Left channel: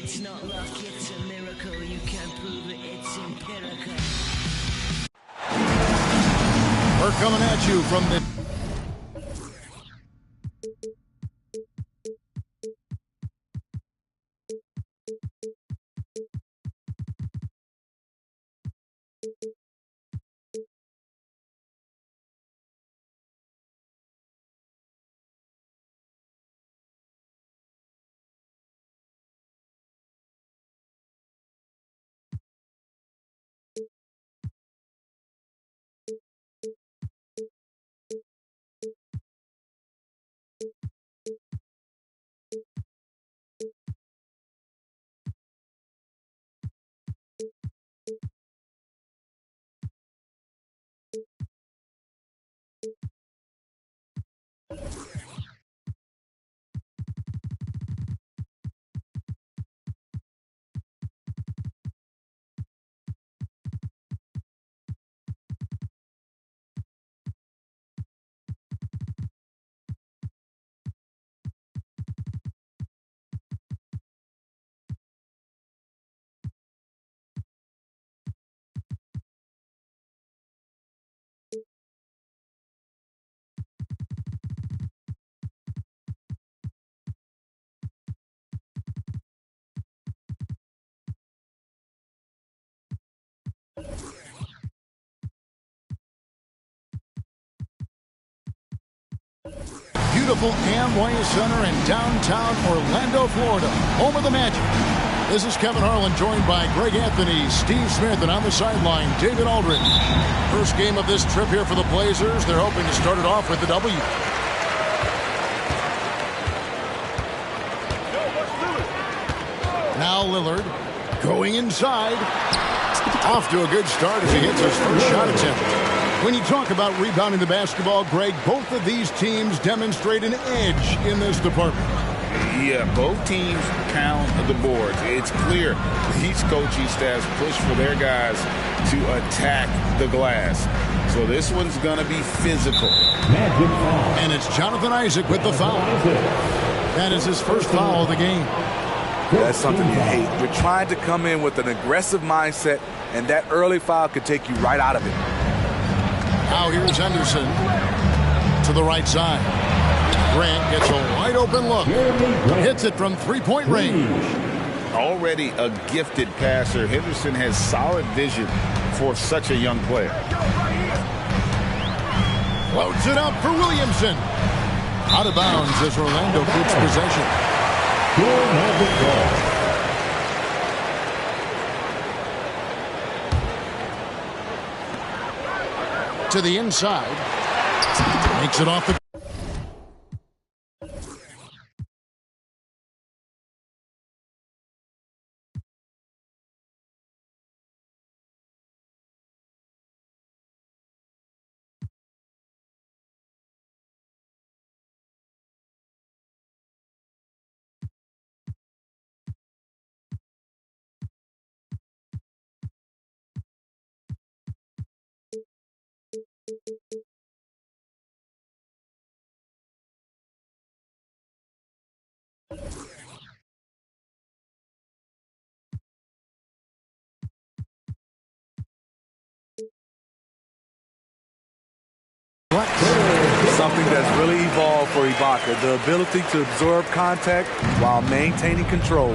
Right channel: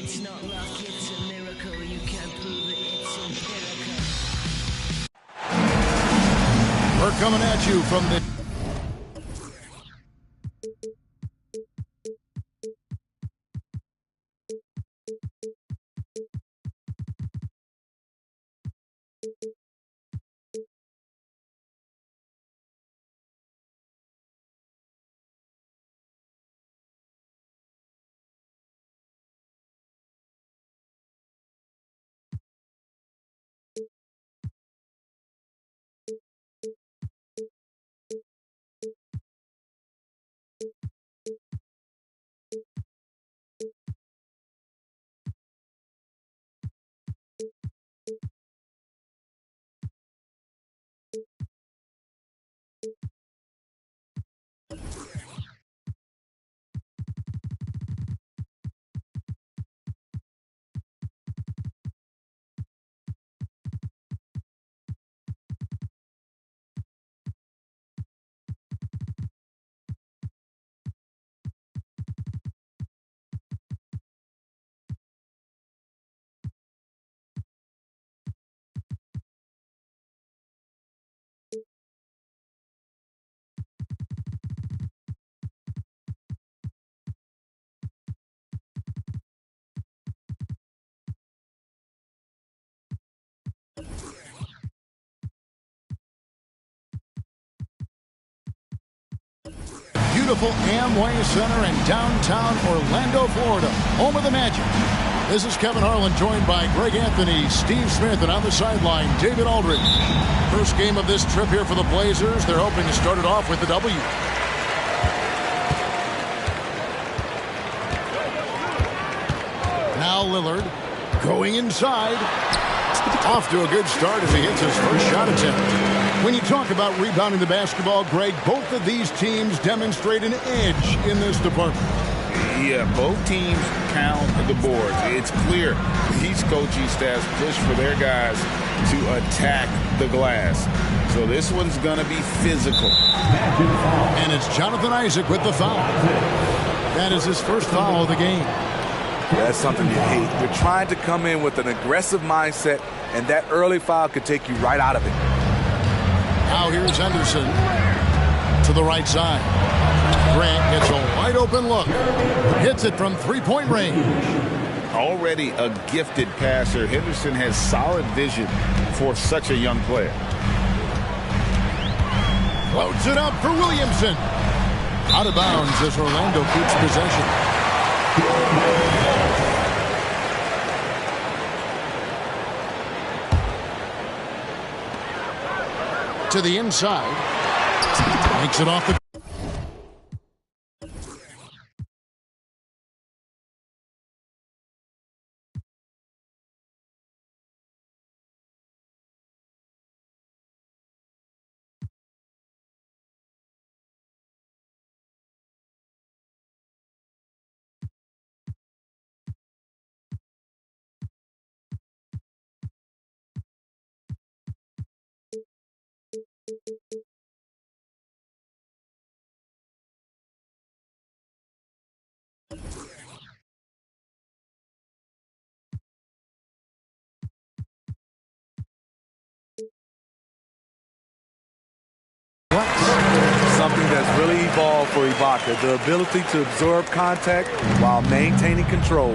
It's not luck, it's a miracle. You can't prove it, it's empirical. We're coming at you from the... Beautiful Amway Center in downtown Orlando, Florida, home of the Magic. This is Kevin Harlan, joined by Greg Anthony, Steve Smith, and on the sideline, David Aldridge. First game of this trip here for the Blazers. They're hoping to start it off with the W. Now Lillard going inside. Off to a good start as he hits his first shot attempt. When you talk about rebounding the basketball, Greg, both of these teams demonstrate an edge in this department. Yeah, both teams pound the boards. It's clear these coaching staffs push for their guys to attack the glass. So this one's going to be physical. And it's Jonathan Isaac with the foul. That is his first foul of the game. That's something you hate. You're trying to come in with an aggressive mindset, and that early foul could take you right out of it. Now here's Henderson to the right side. Grant gets a wide open look. Hits it from three-point range. Already a gifted passer, Henderson has solid vision for such a young player. Floats it up for Williamson. Out of bounds as Orlando keeps possession. To the inside. Makes it off the... Something that's really evolved for Ibaka, the ability to absorb contact while maintaining control.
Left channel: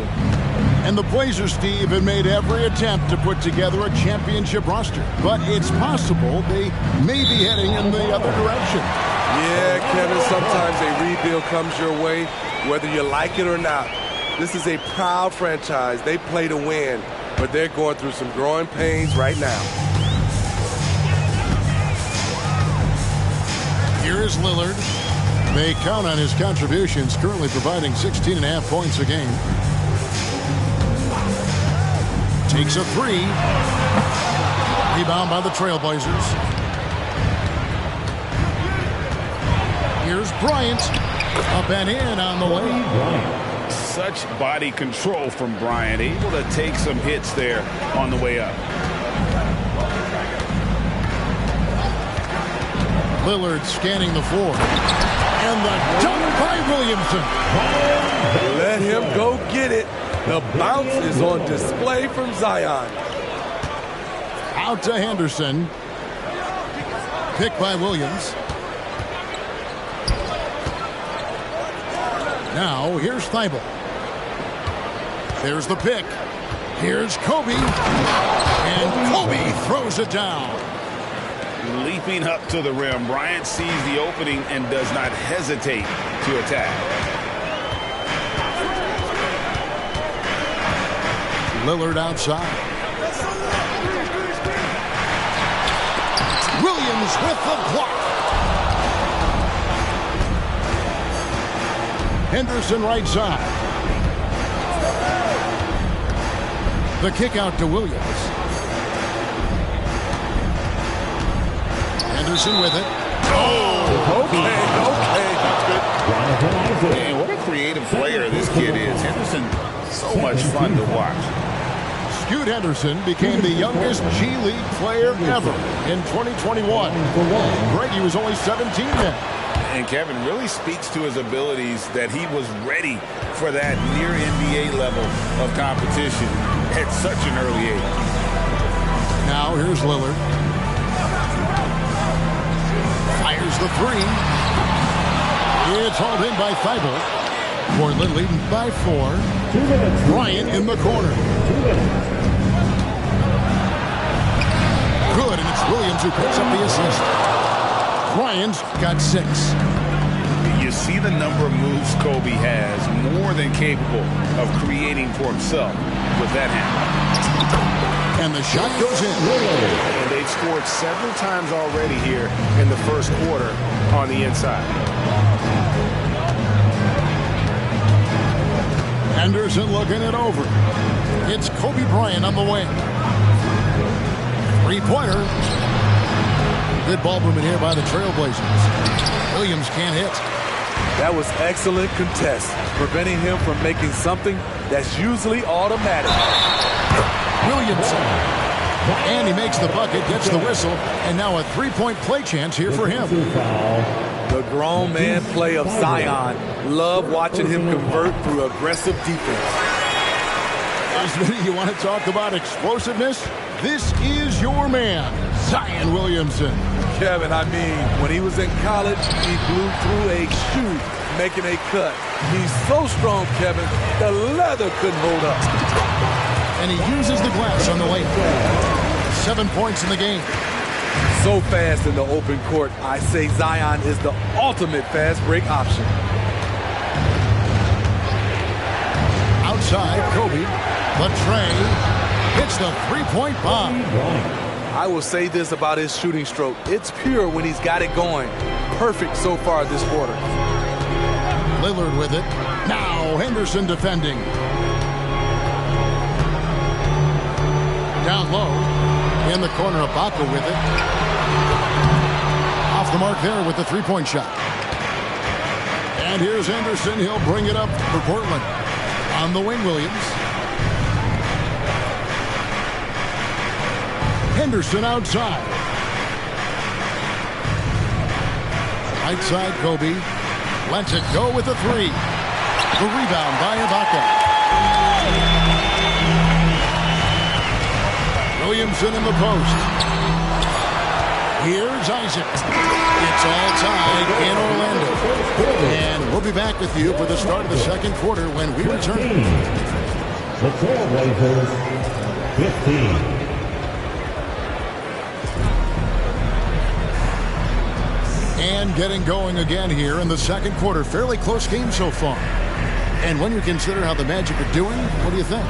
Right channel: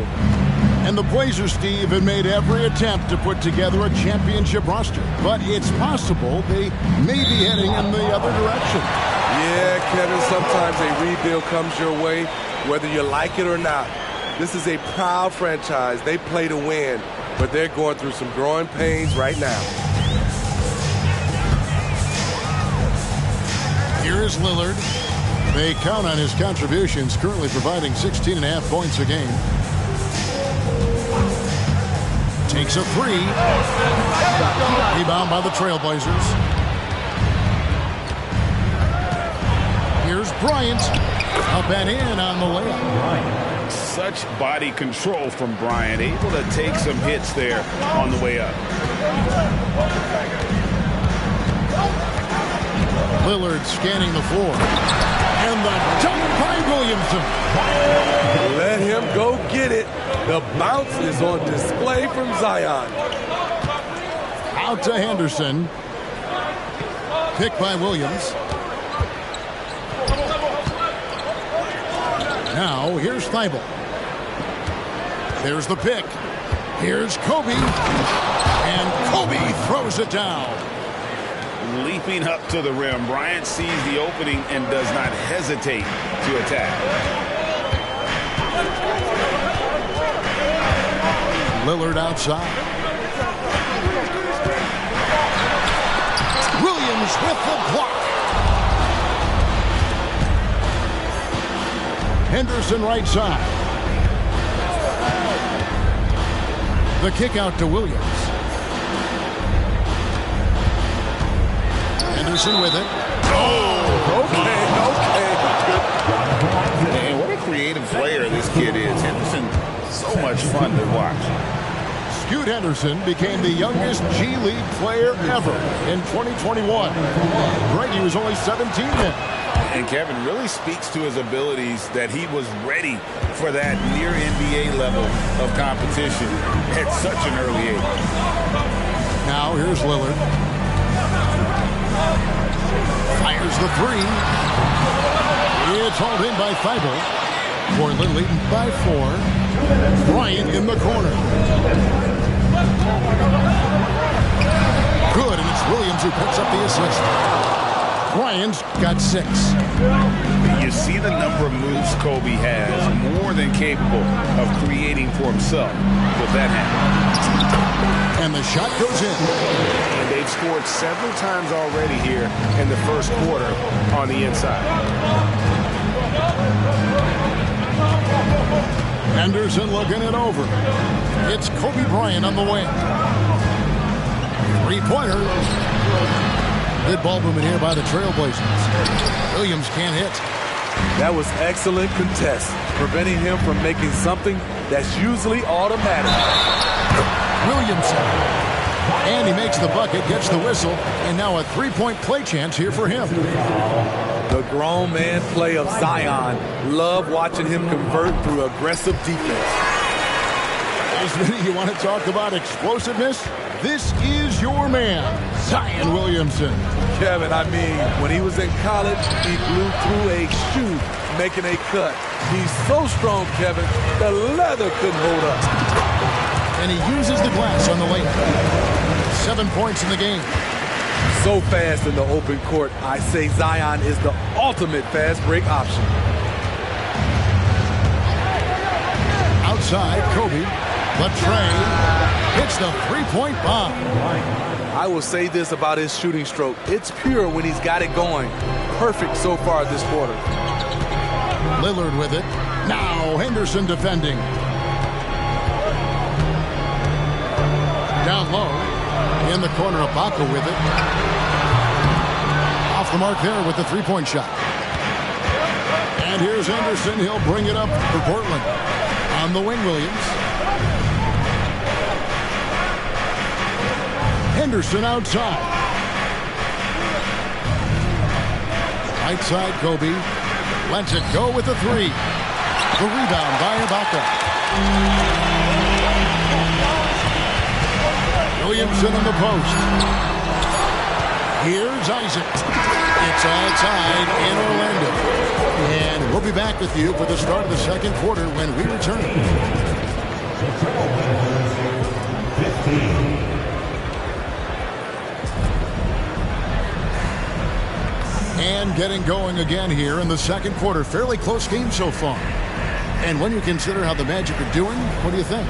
And the Blazers, Steve, have made every attempt to put together a championship roster. But it's possible they may be heading in the other direction. Yeah, Kevin, sometimes a rebuild comes your way, whether you like it or not. This is a proud franchise. They play to win, but they're going through some growing pains right now. Here's Lillard. They count on his contributions, currently providing 16.5 points a game. Takes a three. Rebound by the Trailblazers. Here's Bryant. Up and in on the way. Such body control from Bryant, able to take some hits there on the way up. Lillard scanning the floor. And the dunk by Williamson. Let him go get it. The bounce is on display from Zion. Out to Henderson. Pick by Williams. Now, here's Thibault. There's the pick. Here's Kobe. And Kobe throws it down. Leaping up to the rim, Bryant sees the opening and does not hesitate to attack. Lillard outside. Williams with the block. Henderson right side. The kick out to Williams. Henderson with it. Oh, okay. Not good. And what a creative player this kid is. Henderson, so much fun to watch. Scoot Henderson became the youngest G League player ever in 2021. Brady was only 17 then. And Kevin really speaks to his abilities that he was ready for that near NBA level of competition at such an early age. Now here's Lillard. Fires the three. It's hauled in by Thibault. Portland leading by 4. Bryant in the corner. Good, and it's Williams who picks up the assist. Bryant's got 6. You see the number of moves Kobe has, more than capable of creating for himself with that handle. And the shot goes in. And they've scored several times already here in the first quarter on the inside. Henderson looking it over. It's Kobe Bryant on the wing. Three-pointer. Good ball movement here by the Trailblazers. Williams can't hit. That was excellent contest, preventing him from making something that's usually automatic. Williamson. And he makes the bucket, gets the whistle, and now a three-point play chance here for him. The grown man play of Zion. Love watching him convert through aggressive defense. Isn't you want to talk about explosiveness? This is your man, Zion Williamson. Kevin, I mean, when he was in college, he blew through a shoe making a cut. He's so strong, Kevin, the leather couldn't hold up. And he uses the glass on the layup. 7 points in the game. So fast in the open court, I say Zion is the ultimate fast break option. Outside, Kobe. Latrey hits the three-point bomb. I will say this about his shooting stroke. It's pure when he's got it going. Perfect so far this quarter. Lillard with it. Now Henderson defending. Down low. In the corner, Ibaka with it. Off the mark there with the three-point shot. And here's Henderson. He'll bring it up for Portland. On the wing, Williams. Henderson outside. Right side, Kobe. Lets it go with the three. The rebound by Ibaka. Williamson in the post. Here's Isaac. It's all tied in Orlando. And we'll be back with you for the start of the second quarter when we return. The Trailblazers, 15. And getting going again here in the second quarter. Fairly close game so far. And when you consider how the Magic are doing, what do you think?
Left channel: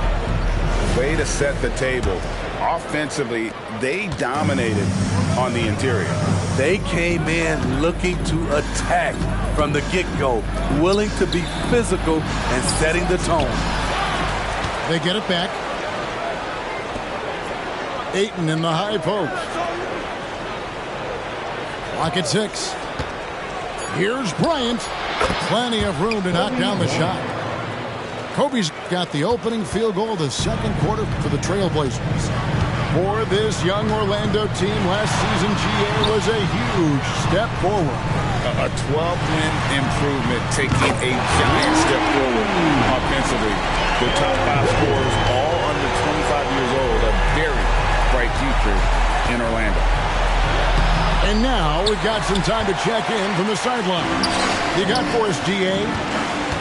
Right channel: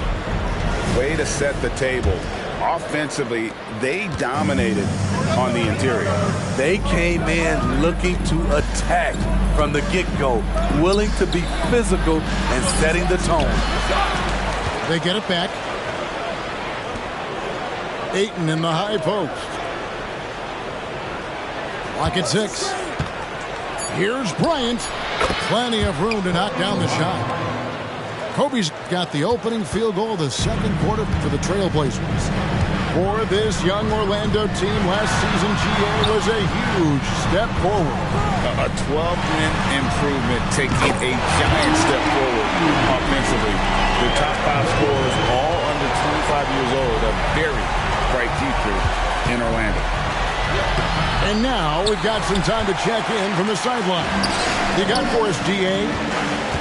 Way to set the table. Offensively, they dominated on the interior. They came in looking to attack from the get-go, willing to be physical and setting the tone. They get it back. Ayton in the high post. Clock at 6. Here's Bryant. Plenty of room to knock down the shot. Kobe's got the opening field goal of the second quarter for the Trailblazers. For this young Orlando team, last season GA was a huge step forward. A 12-win improvement, taking a giant step forward offensively. The top 5 scorers, all under 25 years old, a very bright future in Orlando. And now we've got some time to check in from the sideline. You got for us, D.A.?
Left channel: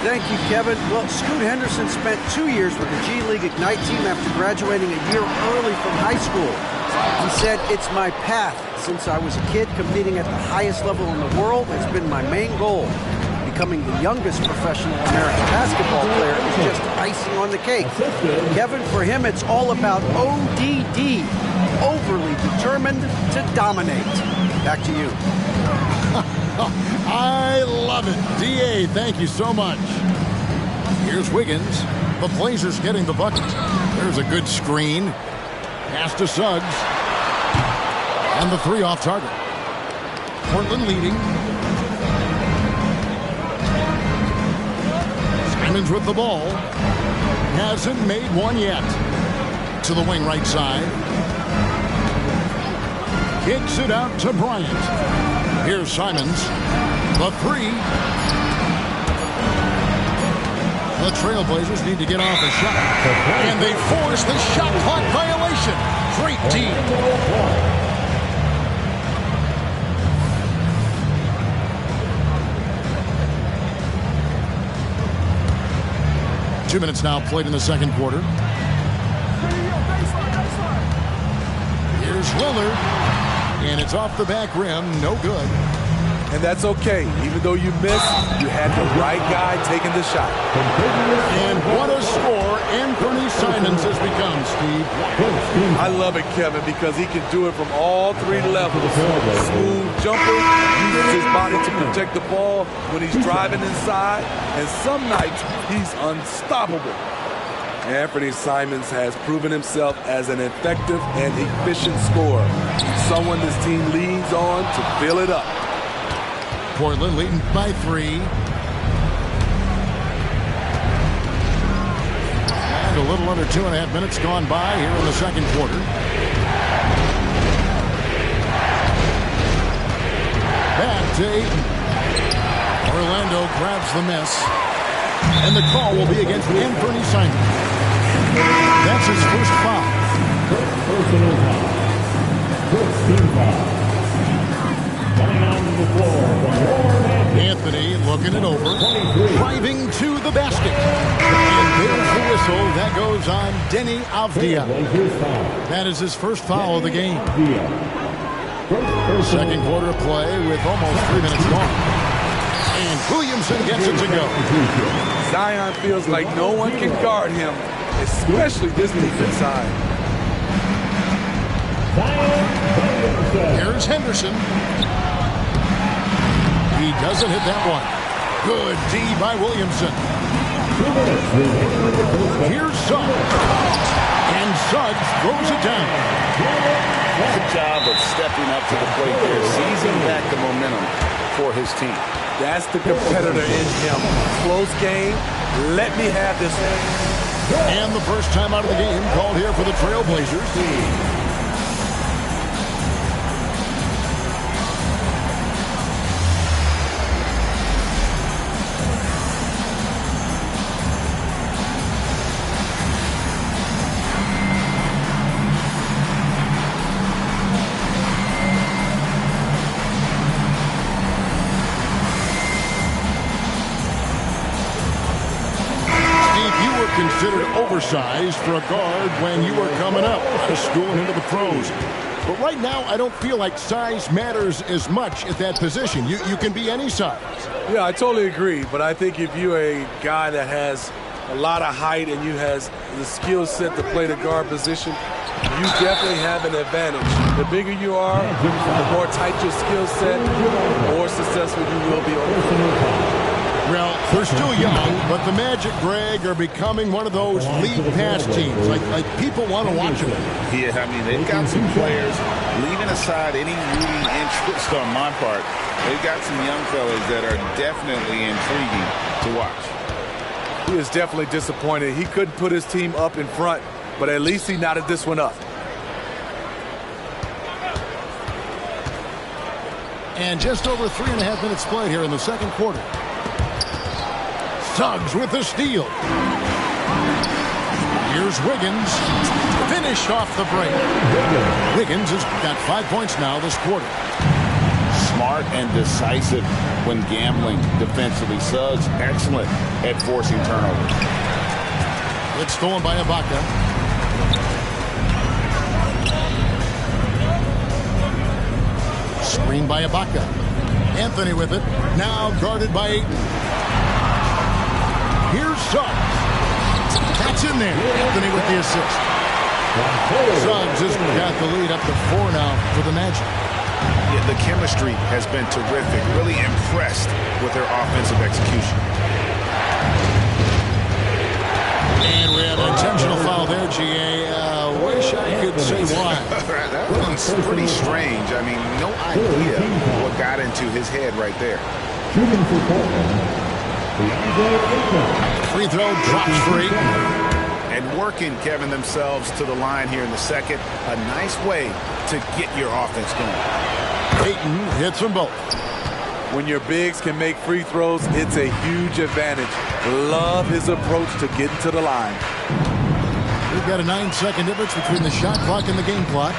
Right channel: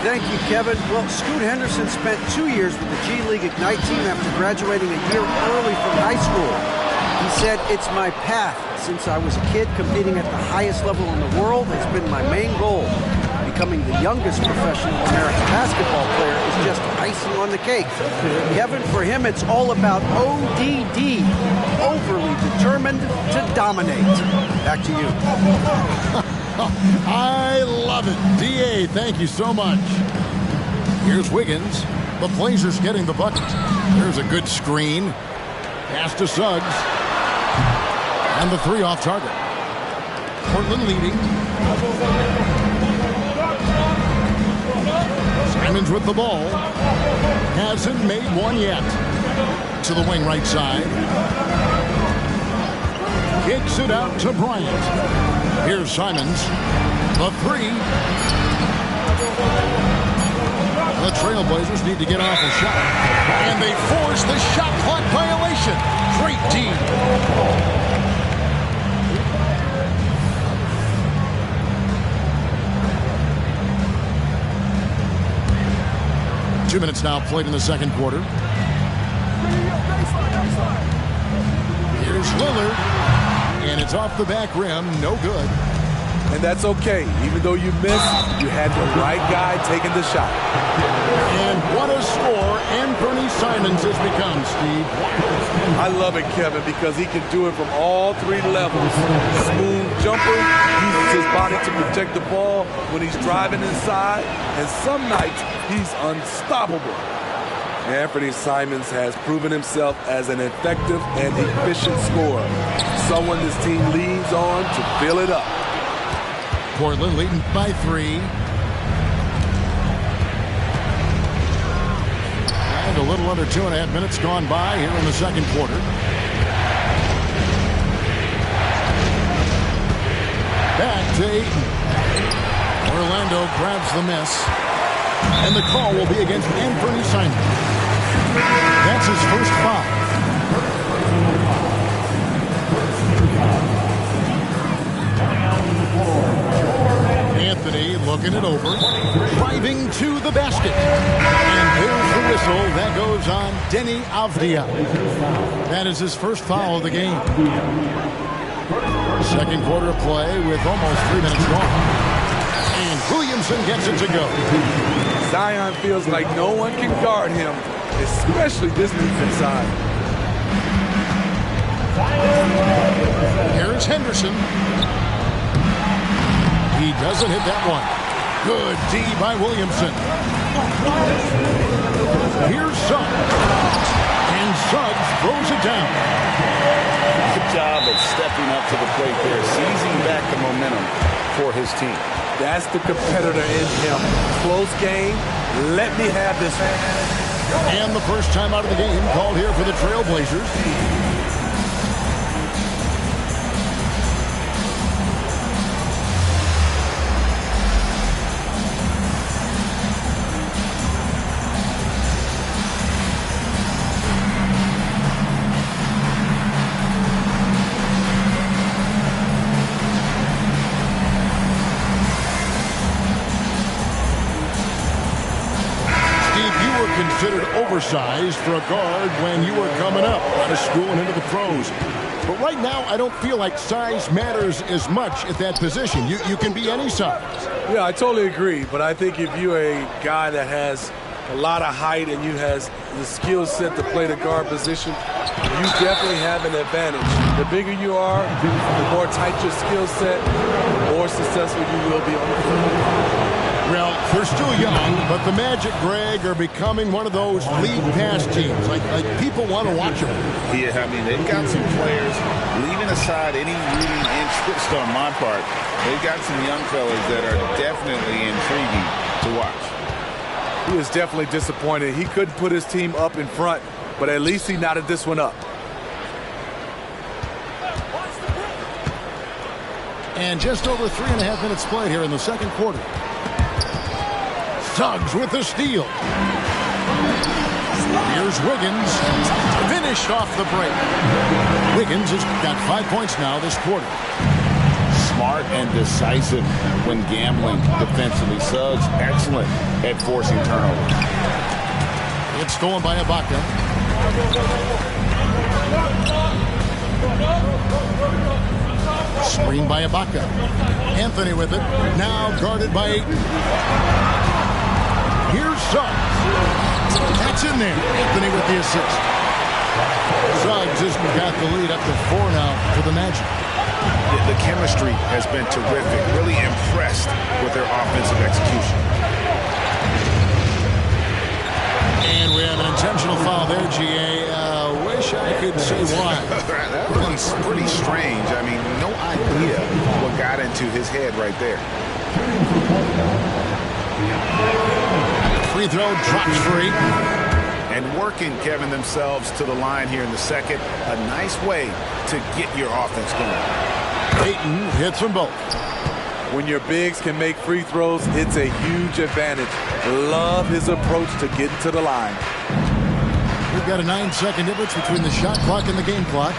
Thank you, Kevin. Well, Scoot Henderson spent 2 years with the G League Ignite team after graduating a year early from high school. He said, "It's my path. Since I was a kid, competing at the highest level in the world has been my main goal. Becoming the youngest professional American basketball player is just icing on the cake." Kevin, for him, it's all about ODD, overly determined to dominate. Back to you. I love it. D.A., thank you so much. Here's Wiggins. The Blazers getting the bucket. There's a good screen. Pass to Suggs. And the 3 off target. Portland leading. Simons with the ball. Hasn't made one yet. To the wing right side. Kicks it out to Bryant. Here's Simons. The 3. The Trailblazers need to get off a shot. And they force the shot clock violation. Great D. 2 minutes now played in the second quarter. Here's Lillard. And it's off the back rim. No good. And that's okay. Even though you missed, you had the right guy taking the shot. And what a score Anthony Simons has become, Steve. I love it, Kevin, because he can do it from all 3 levels. Smooth jumper, uses his body to protect the ball when he's driving inside, and some nights he's unstoppable. Anthony Simons has proven himself as an effective and efficient scorer, someone this team leans on to fill it up. Portland leading by 3. And a little under 2.5 minutes gone by here in the second quarter. Back to Ayton. Orlando grabs the miss. And the call will be against Anthony Simons. That's his first foul. Anthony looking it over, driving to the basket. And there's the whistle. That goes on Deni Avdija. That is his first foul of the game. Second quarter of play with almost 3 minutes gone. And Williamson gets it to go. Zion feels like no one can guard him, especially this defense side. Here's Henderson. He doesn't hit that one. Good D by Williamson. Here's Suggs. And Suggs throws it down. Good job of stepping up to the plate there, seizing back the momentum for his team. That's the competitor in him. Close game. Let me have this one. And the first time out of the game called here for the Trailblazers. You were considered oversized for a guard when you were coming up out of school and into the pros. But right now, I don't feel like size matters as much at that position. You can be any size. Yeah, I totally agree. But I think if you're a guy that has a lot of height and you has the skill set to play the guard position, you definitely have an advantage. The bigger you are, the more tight your skill set, the more successful you will be on the floor. Well, they're still young, but the Magic, Greg, are becoming one of those league pass teams. Like people want to watch them. Yeah, I mean, they've got some players, leaving aside any rooting interest on my part, they've got some young fellas that are definitely intriguing to watch. He is definitely disappointed. He couldn't put his team up in front, but at least he knotted this one up. And just over 3.5 minutes played here in the second quarter. Suggs with the steal. Here's Wiggins. Finished off the break. Wiggins has got 5 points now this quarter. Smart and decisive when gambling defensively. Suggs excellent at forcing turnovers. It's stolen by Ibaka. Screen by Ibaka. Anthony with it. Now guarded by Ayton. Here's Suggs. That's in there. Anthony with the assist. Suggs has got the lead up to 4 now for the Magic. Yeah, the chemistry has been terrific. Really impressed with their offensive execution. And we have an intentional foul there, G.A. Wish I could say why. That one's pretty strange. I mean, no idea what got into his head right there. Free throw drops for Ayton. And working, Kevin, themselves to the line here in the second. A nice way to get your offense going. Ayton hits them both. When your bigs can make free throws, it's a huge advantage. Love his approach to getting to the line. We've got a 9-second difference between the shot clock and the game clock.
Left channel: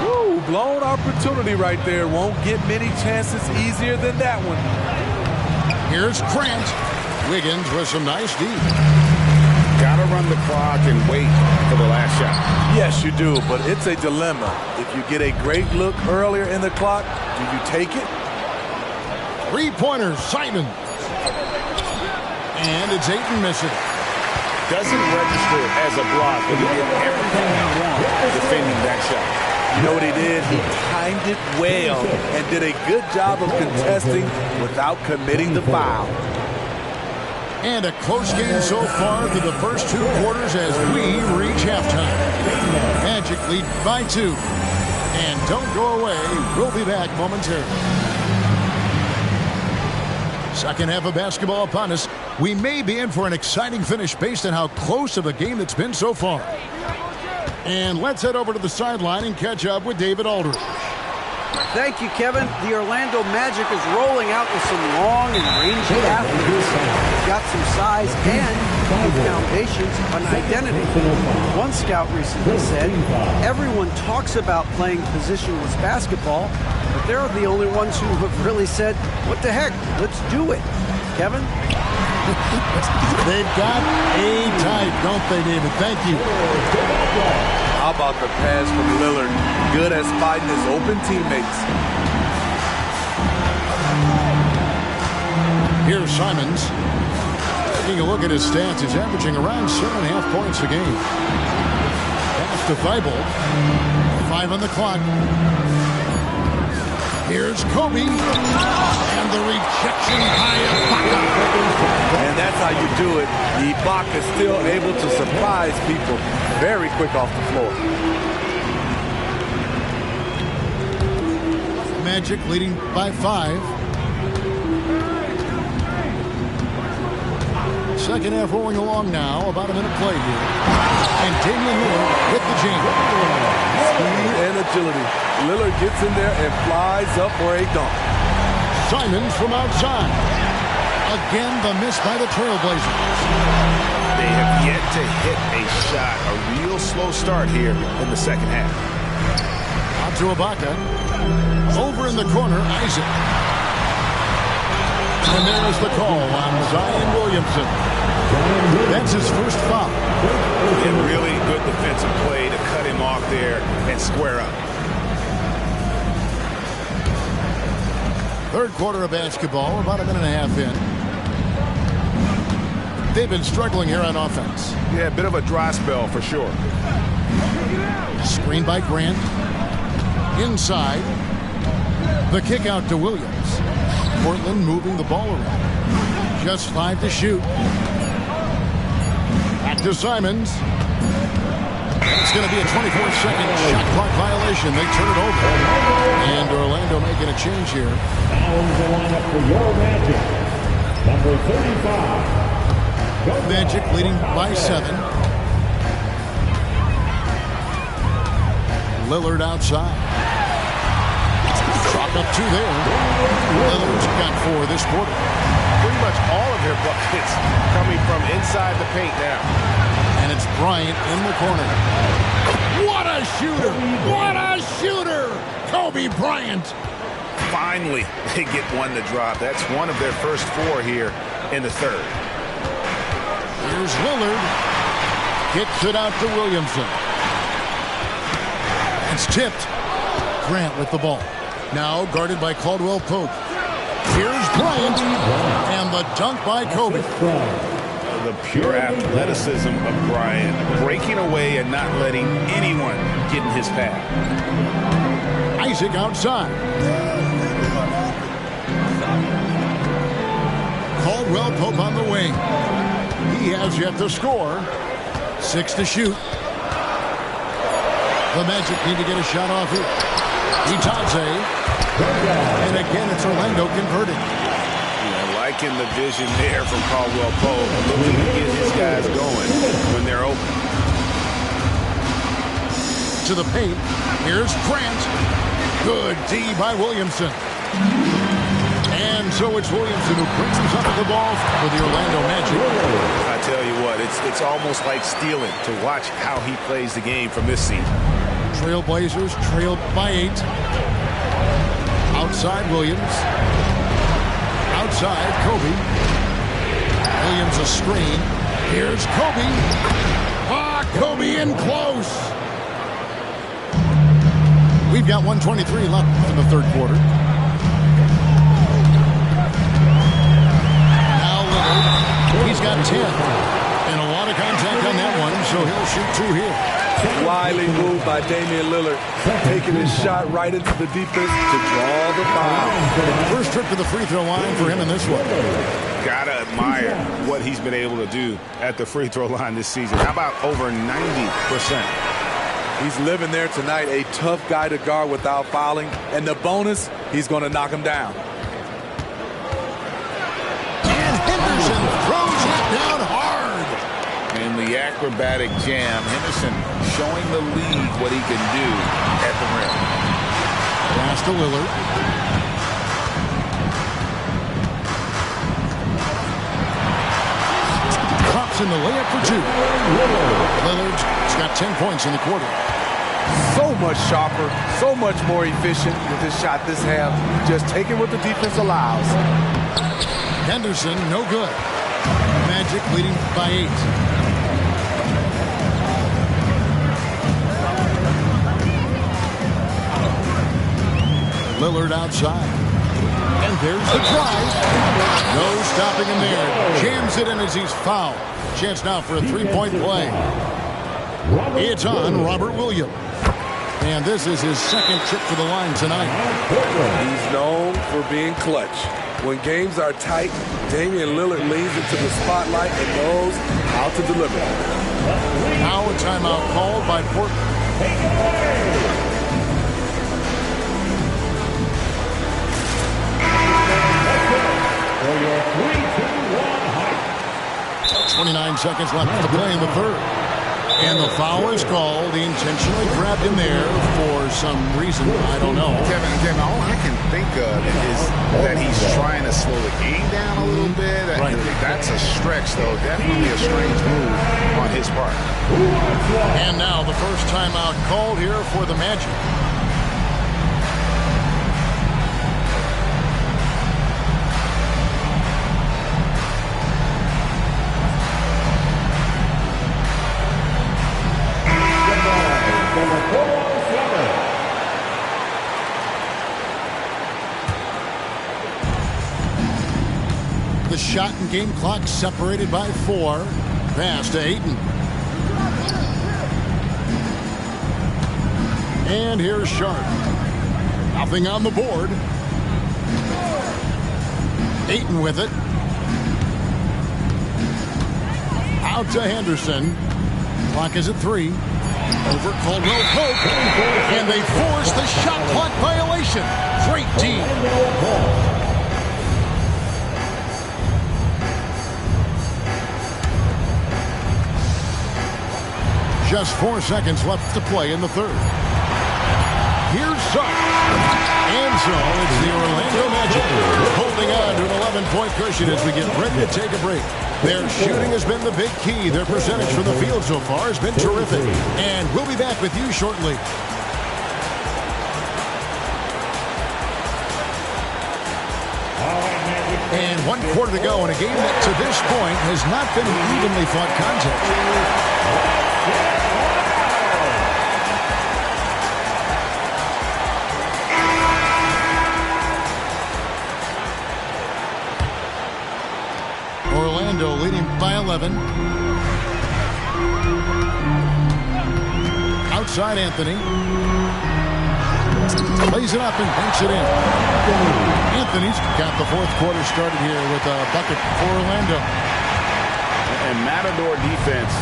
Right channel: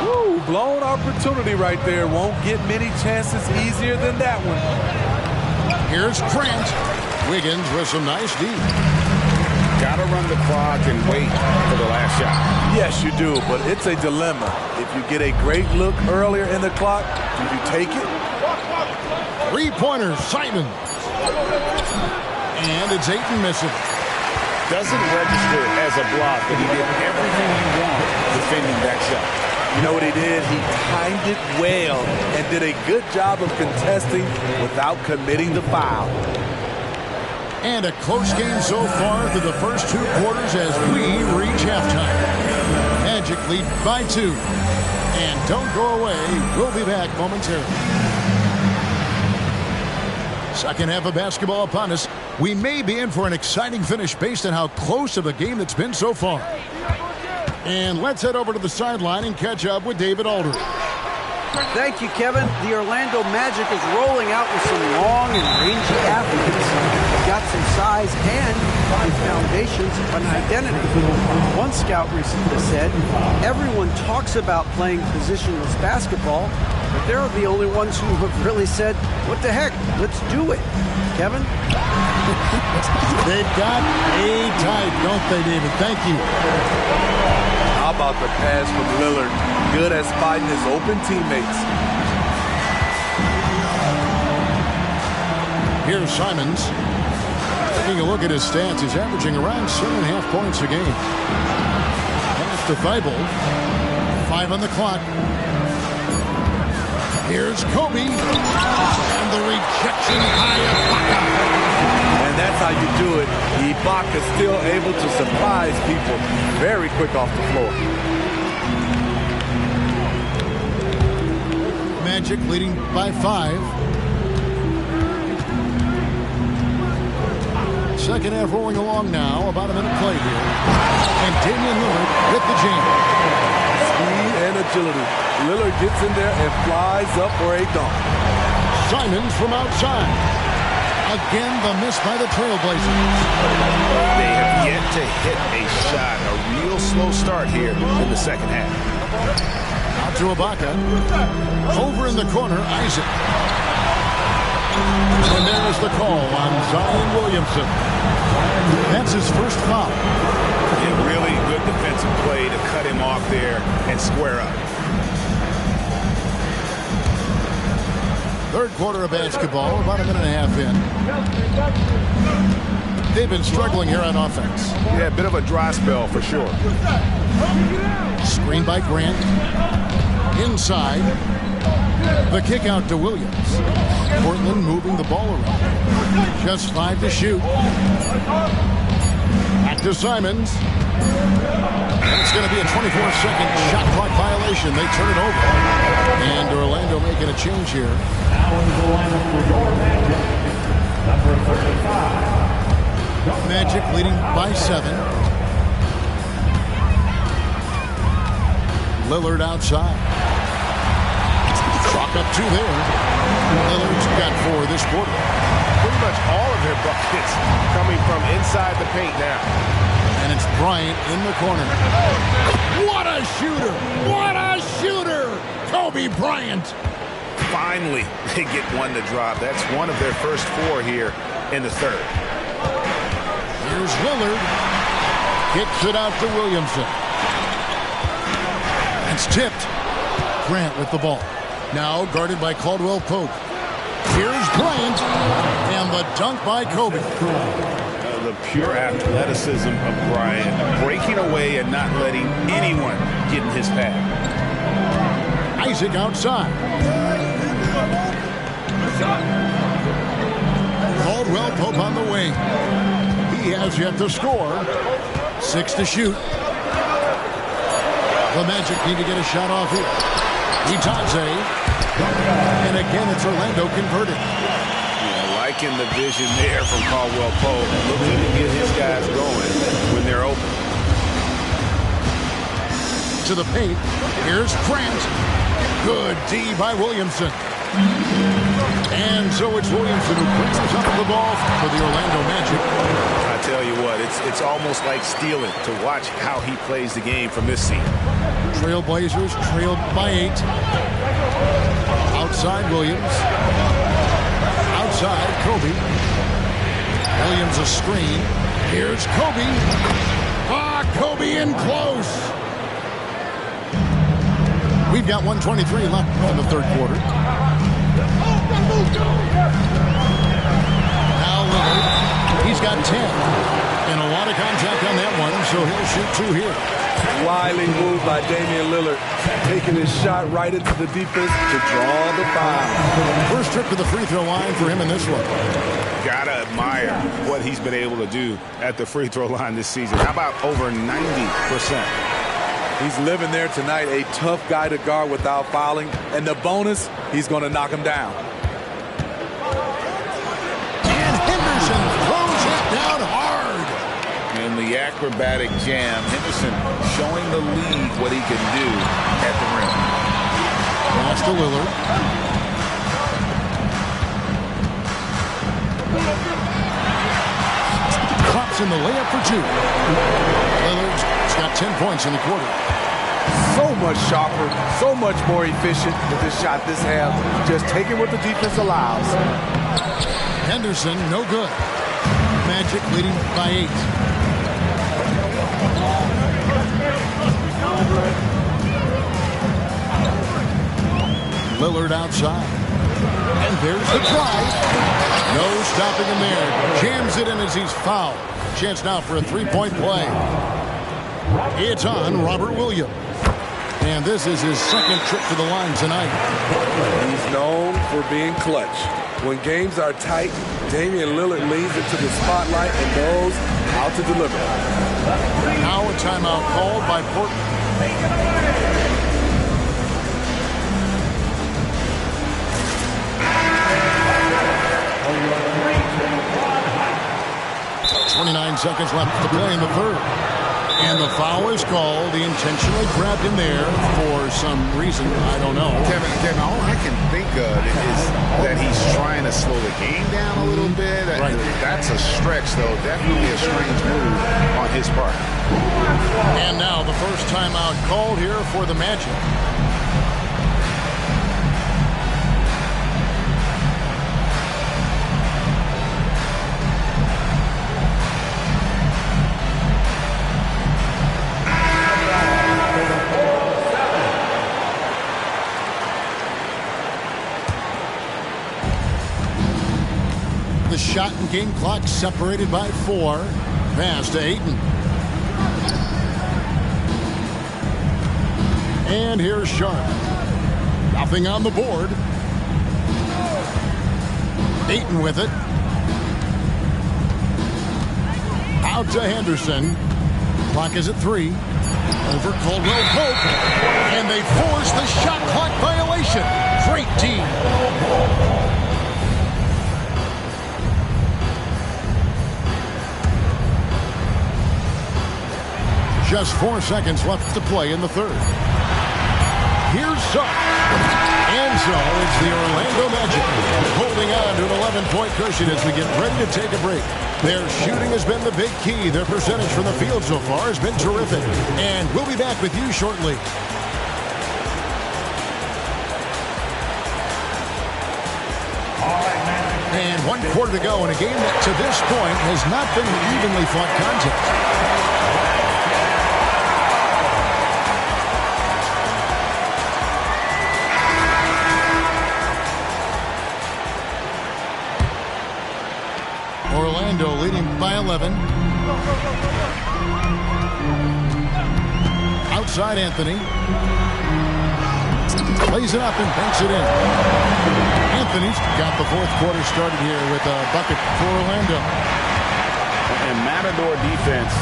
Woo, blown opportunity right there. Won't get many chances easier than that one. Here's Grant. Wiggins with some nice D. Got to run the clock and wait for the last shot. Yes, you do, but it's a dilemma. If you get a great look earlier in the clock, do you take it? Three-pointer, Simons. And it's Ayton missing. Doesn't register as a block, but he did everything you want defending that shot. You know what he did? He timed it well and did a good job of contesting without committing the foul. And a close game so far through the first 2 quarters as we reach halftime. Magic lead by 2. And don't go away. We'll be back momentarily. Second half of basketball upon us. We may be in for an exciting finish based on how close of a game that's been so far. And let's head over to the sideline and catch up with David Aldridge. Thank you, Kevin. The Orlando Magic is rolling out with some long and rangy athletes. They've got some size and the foundations of an identity. One scout recently said, everyone talks about playing positionless basketball, but they're the only ones who have really said, what the heck, let's do it. Kevin? They've got a type, don't they, David? Thank you. How about the pass from Lillard? Good at spotting his open teammates. Here's Simons. Taking a look at his stats, he's averaging around 7.5 points a game. Pass to Thibault. 5 on the clock. Here's Kobe. And the rejection by Ibaka. And that's how you do it. Ibaka still able to surprise people very quick off the floor. Magic leading by 5. Second half rolling along now. About a minute played here. And Damian Lillard with the jam. Speed and agility. Lillard gets in there and flies up for a dunk. Simons from outside. Again, the miss by the Trailblazers. They have yet to hit a shot. A real slow start here in the second half. Out to Ibaka. Over in the corner, Isaac. And there's the call on Zion Williamson. That's his first foul. A really good defensive play to cut him off there and square up. Third quarter of basketball, about a minute and a half in. They've been struggling here on offense. Yeah, a bit of a dry spell for sure. Screen by Grant. Inside. The kick out to Williams. Portland moving the ball around. Just 5 to shoot. Back to Simons. And it's going to be a 24-second shot clock violation. They turn it over. And Orlando making a change here. Now in the lineup for your Magic, number 35. Magic leading by 7. Lillard outside. Chalk up 2 there. Lillard's got 4 this quarter. Pretty much all of their buckets coming from inside the paint now. And it's Bryant in the corner. What a shooter! What a shooter! Kobe Bryant. Finally, they get one to drop. That's one of their first 4 here in the third. Here's Lillard. Kicks it out to Williamson. It's tipped. Grant with the ball. Now guarded by Caldwell Pope. Here's Bryant. And the dunk by Kobe. The pure athleticism of Bryant, breaking away and not letting anyone get in his path. Isaac outside. Caldwell Pope on the wing. He has yet to score. 6 to shoot. The Magic need to get a shot off here. Itadze. And again, it's Orlando converted. Yeah, liking the vision there from Caldwell Pope, looking to get his guys going when they're open. To the paint. Here's Grant. Good D by Williamson. And so it's Williamson who brings up the ball for the Orlando Magic. I tell you what, it's almost like stealing to watch how he plays the game from this seat. Trailblazers trailed by 8. Outside Williams. Outside Kobe. Williams a screen. Here's Kobe. Kobe in close. We've got 1:23 left in the third quarter. Now Lillard. He's got 10. And a lot of contact on that one, so he'll shoot 2 here. Wily move by Damian Lillard, taking his shot right into the defense to draw the foul. First trip to the free throw line for him in this one. Gotta admire what he's been able to do at the free throw line this season. How about over 90%? He's living there tonight, a tough guy to guard without fouling. And the bonus, he's going to knock him down. And Henderson throws it down hard. In the acrobatic jam, Henderson showing the league what he can do at the rim. Pass to Lillard. Drops in the layup for 2. Lillard's got 10 points in the quarter. So much sharper, so much more efficient with this shot this half. Just taking what the defense allows. Henderson, no good. Magic leading by 8. Lillard outside. And there's the drive. No stopping him there. Jams it in as he's fouled. Chance now for a 3-point play. It's on Robert Williams. And this is his second trip to the line tonight. He's known for being clutch. When games are tight, Damian Lillard leans into the spotlight and knows how to deliver. Now a timeout called by Portland. 29 seconds left to play in the third. And the foul is called. He intentionally grabbed him there for some reason. I don't know. Kevin, all I can think of is that he's trying to slow the game down a little bit. Right. That's a stretch, though. Definitely a strange move on his part. And now the first timeout called here for the Magic. The shot and game clock separated by 4. Pass to Ayton. And here's Sharp. Nothing on the board. Ayton with it. Out to Henderson. Clock is at 3. Over Caldwell Pope. And they force the shot clock violation. Great D. Just 4 seconds left to play in the third. Here's Suggs. And so it's the Orlando Magic holding on to an 11-point cushion as we get ready to take a break. Their shooting has been the big key. Their percentage from the field so far has been terrific. And we'll be back with you shortly. And 1 quarter to go in a game that to this point has not been an evenly fought contest. Orlando leading by 11. Outside Anthony. Lays it up and banks it in. Anthony's got the fourth quarter started here with a bucket for Orlando. And Matador defense,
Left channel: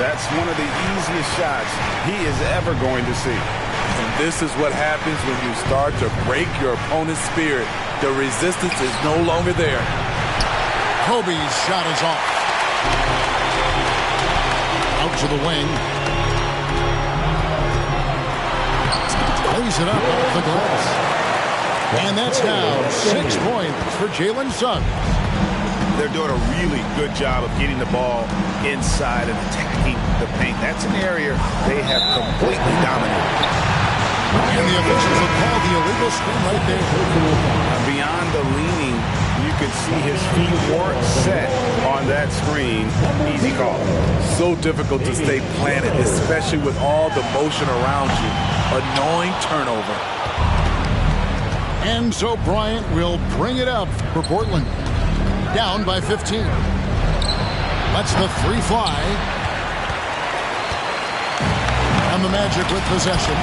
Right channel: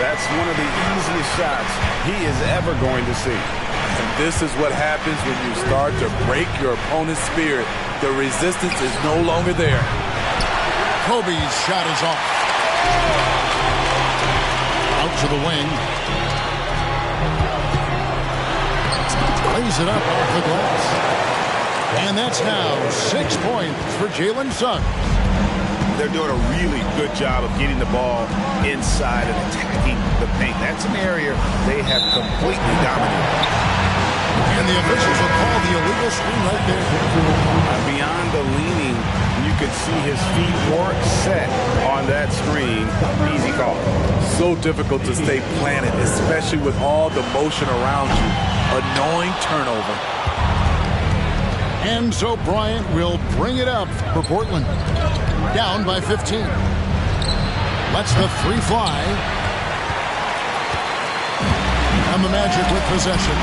that's one of the easiest shots he is ever going to see. And this is what happens when you start to break your opponent's spirit. The resistance is no longer there. Kobe's shot is off. Out to the wing. Lays it up off the glass. And that's now 6 points for Jalen Suggs. They're doing a really good job of getting the ball inside and attacking the paint. That's an area they have completely dominated. And the officials will call the illegal screen right there. Beyond the leaning, you could see his feet weren't set on that screen. Easy call. So difficult to stay planted, especially with all the motion around you. Annoying turnover. And so Bryant will bring it up for Portland. Down by 15. Lets the three fly. And the Magic with possession.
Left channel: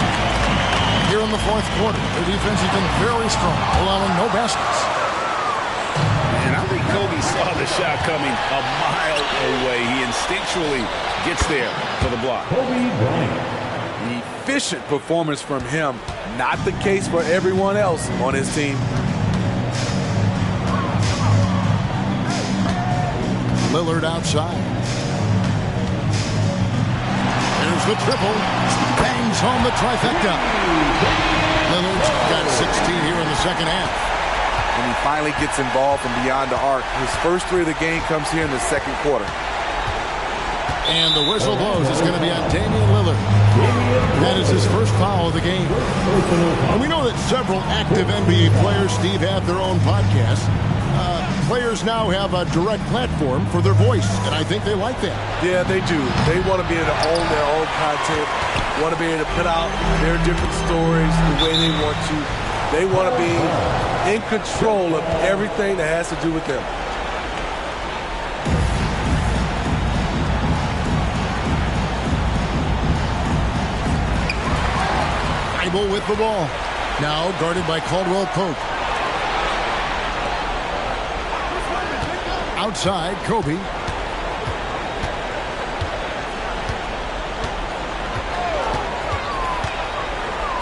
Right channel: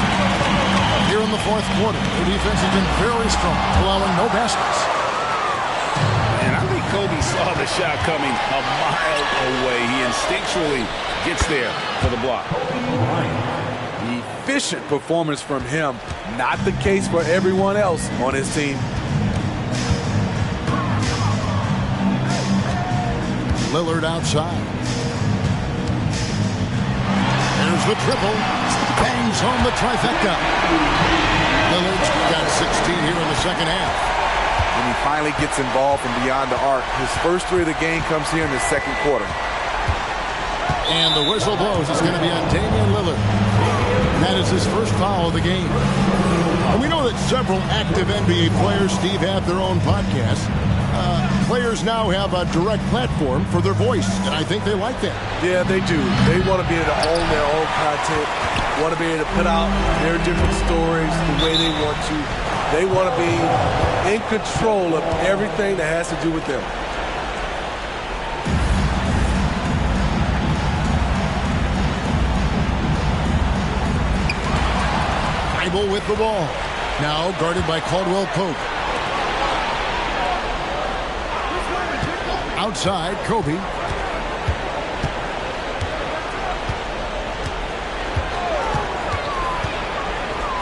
Here in the fourth quarter, their defense has been very strong, allowing no baskets. And I think Kobe saw the shot coming a mile away. He instinctually gets there for the block. Efficient performance from him. Not the case for everyone else on his team. Lillard outside. There's the triple. Bangs home the trifecta. Lillard's got 16 here in the second half. And he finally gets involved from beyond the arc. His first three of the game comes here in the second quarter. And the whistle blows. It's going to be on Damian Lillard. That is his first foul of the game. And we know that several active NBA players, Steve, have their own podcasts. Players now have a direct platform for their voice, and I think they like that. Yeah, they do. They want to be able to own their own content, want to be able to put out their different stories the way they want to. They want to be in control of everything that has to do with them. Thibault with the ball. Now guarded by Caldwell Pope. Outside, Kobe.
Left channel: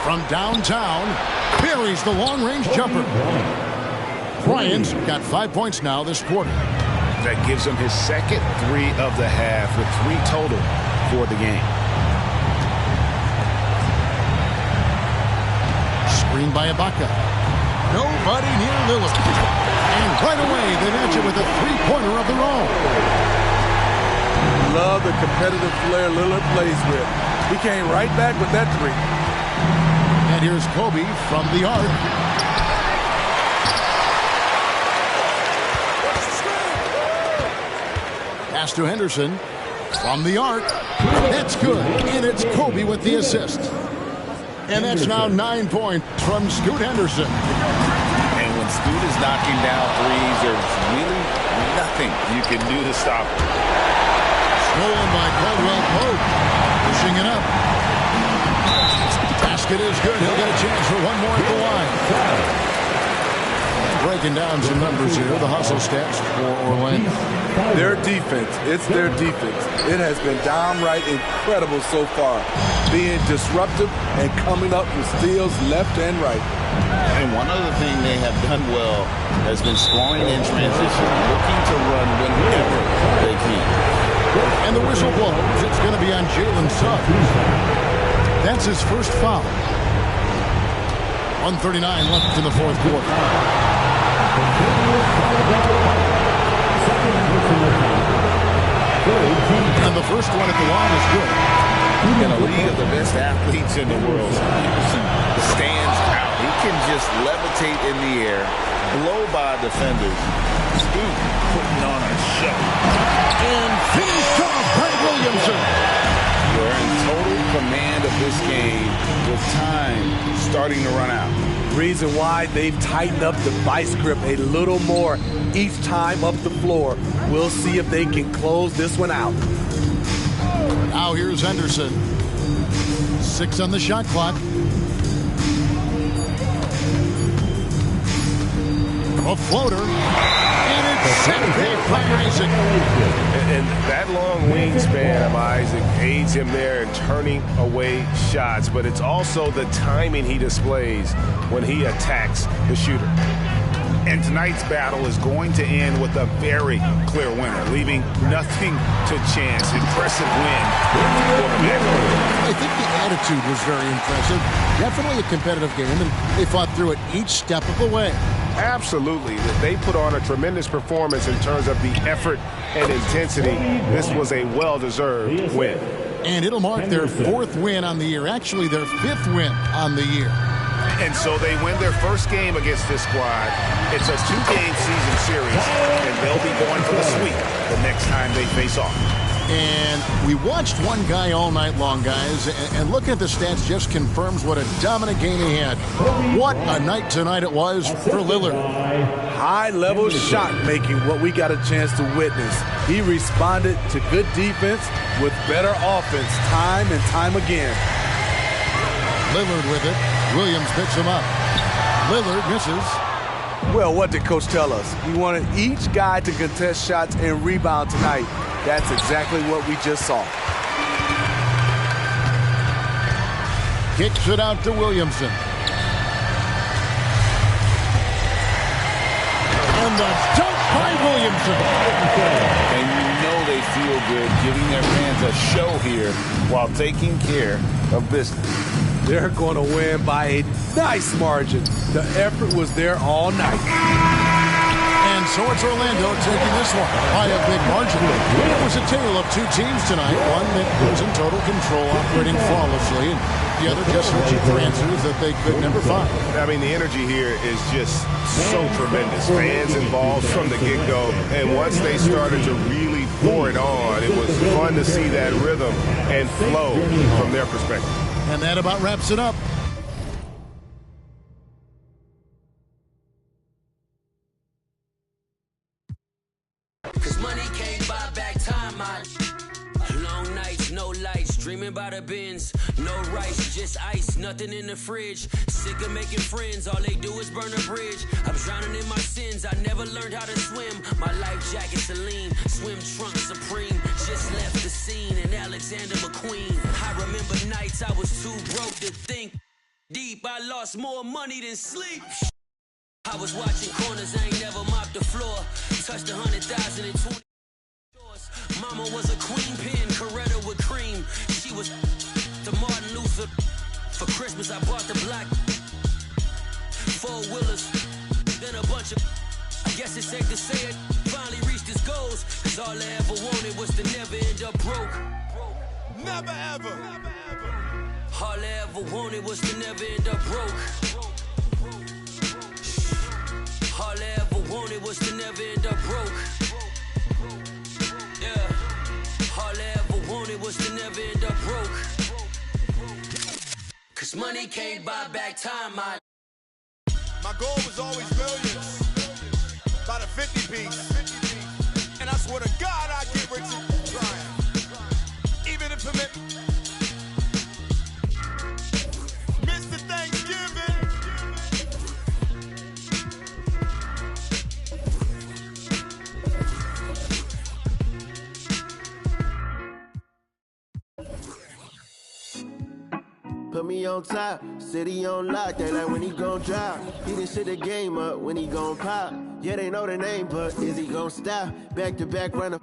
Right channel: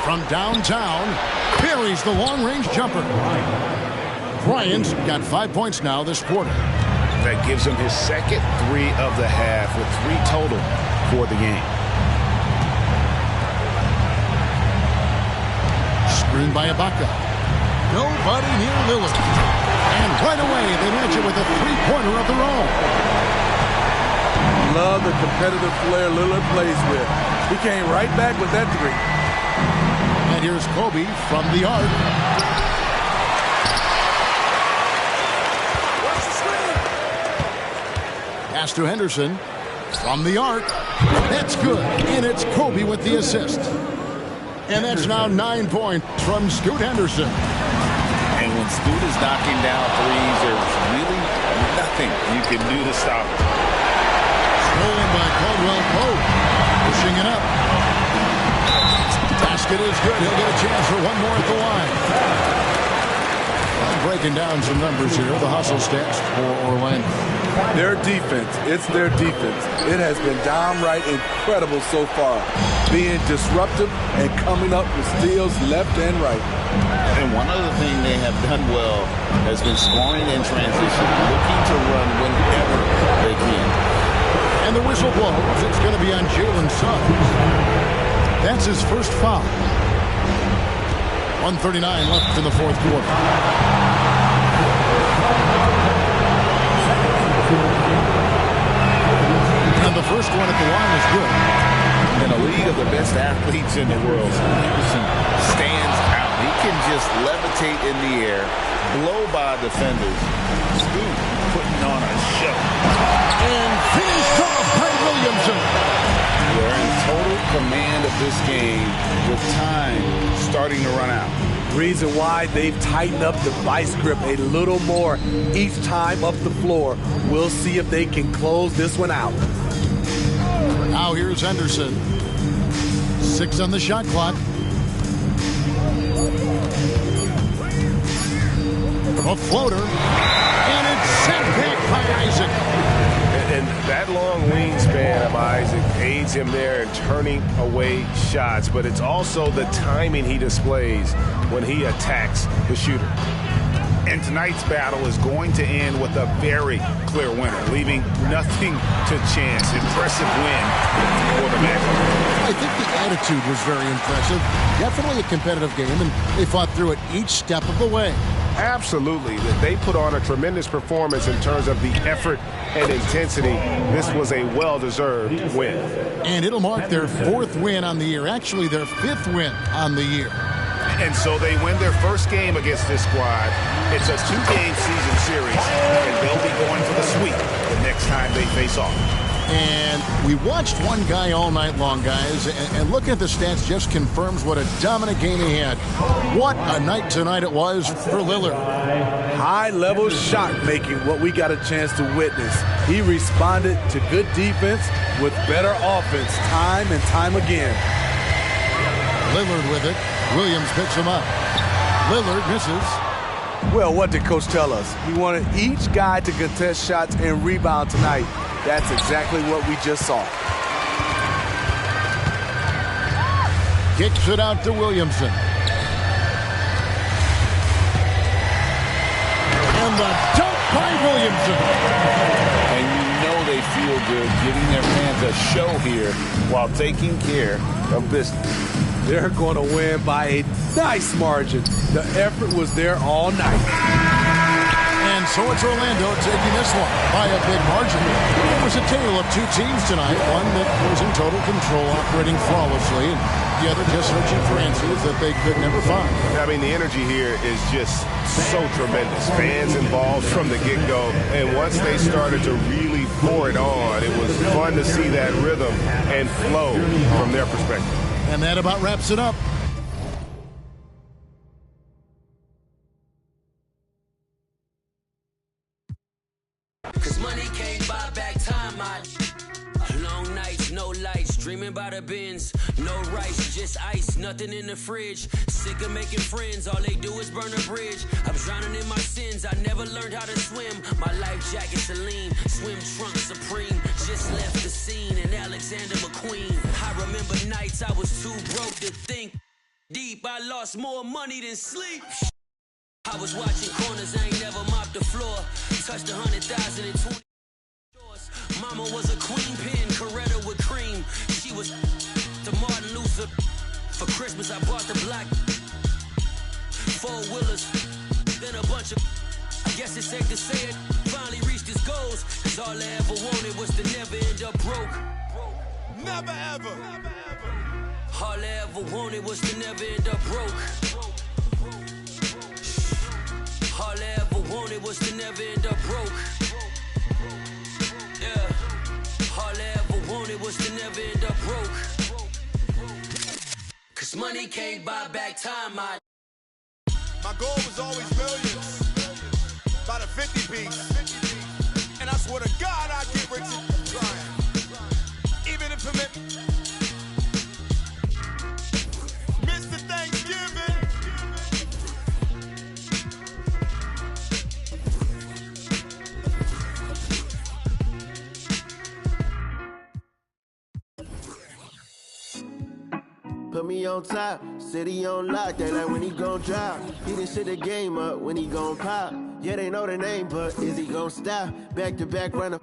From downtown, buries the long-range jumper. Bryant's got 5 points now this quarter. That gives him his second three of the half with 3 total for the game. Screen by Ibaka. Nobody near Lillard. And right away, they match it with a three-pointer of their own. Love the competitive flair Lillard plays with. He came right back with that three. And here's Kobe from the arc. Pass to Henderson from the arc. That's good. And it's Kobe with the assist. And that's now 9 points from Scoot Henderson. And when Scoot is knocking down threes, there's really nothing you can do to stop him. Stolen by Caldwell Pope. Pushing it up. Basket is good. He'll get a chance for one more at the line. And breaking down some numbers here, the hustle stats for Orlando. Their defense, it's their defense. It has been downright incredible so far. Being disruptive and coming up with steals left and right. And one other thing they have done well has been scoring in transition, looking to run whenever they can. And the whistle blows. It's going to be on Jalen Suggs. That's his first foul. 1:39 left in the fourth quarter. And the first one at the line is good. In a league of the best athletes in the world, Henderson stands out. He can just levitate in the air, blow by defenders. Scoot putting on a show. And finished off by Williamson. They're in total command of this game with time starting to run out. Reason why they've tightened up the vice grip a little more each time up the floor. We'll see if they can close this one out. Now here's Henderson. 6 on the shot clock. A floater. And it's sent back by Isaac. And that long wingspan of Isaac aids him there in turning away shots. But it's also the timing he displays when he attacks the shooter. And tonight's battle is going to end with a very clear winner, leaving nothing to chance. Impressive win for the Magic. I think the attitude was very impressive. Definitely a competitive game, and they fought through it each step of the way. Absolutely. They put on a tremendous performance in terms of the effort and intensity. This was a well-deserved win. And it'll mark their 4th win on the year. Actually, their 5th win on the year. And so they win their first game against this squad. It's a 2-game season series, and they'll be going for the sweep the next time they face off. And we watched one guy all night long, guys, and looking at the stats just confirms what a dominant game he had. What a night tonight it was for Lillard. High-level shot making, what we got a chance to witness. He responded to good defense with better offense time and time again. Lillard with it. Williams picks him up. Lillard misses. Well, what did Coach tell us? He wanted each guy to contest shots and rebound tonight. That's exactly what we just saw. Kicks it out to Williamson. And the dunk by Williamson. And you know they feel good giving their fans a show here while taking care of business. They're going to win by a nice margin. The effort was there all night. And so it's Orlando taking this one by a big margin. It was a tale of 2 teams tonight. One that was in total control, operating flawlessly, and the other just searching for answers that they could never find. I mean, the energy here is just so tremendous. Fans involved from the get-go. And once they started to really pour it on, it was fun to see that rhythm and flow from their perspective. And that about wraps it up. Cause money can't buy back time, long nights, no lights, dreaming about a Benz, no rice, just ice, nothing in the fridge, sick of making friends, all they do is burn a bridge, I'm drowning in my sins, I never learned how to swim, my life jacket Celine, swim trunk Supreme, just left the scene in Alexander McQueen, I remember nights I was too broke to think deep, I lost more money than sleep. I was watching corners, I ain't never mopped the floor. Touched 100,000 in 20 stores. Mama was a queen pin, Coretta with cream. She was to Martin Luther. For Christmas, I bought the black 4-wheelers. Then a bunch of, I guess it's safe to say it, finally reached his goals. Cause all I ever wanted was to never end up broke. Never ever. All I ever wanted was to never end up broke. All I ever wanted was to never end up broke. Yeah. All I ever wanted was to never end up broke. Cause money can't buy back time, My goal was always millions. By the 50 piece. And I swear to God I'd get rich and trying. Even if permit. Mr. Thanksgiving. Put me on top, city on lock, they like when he gon' drop. He done shit the game up when he gon' pop. Yeah, they know the name, but is he gon' stop? Back to back runner.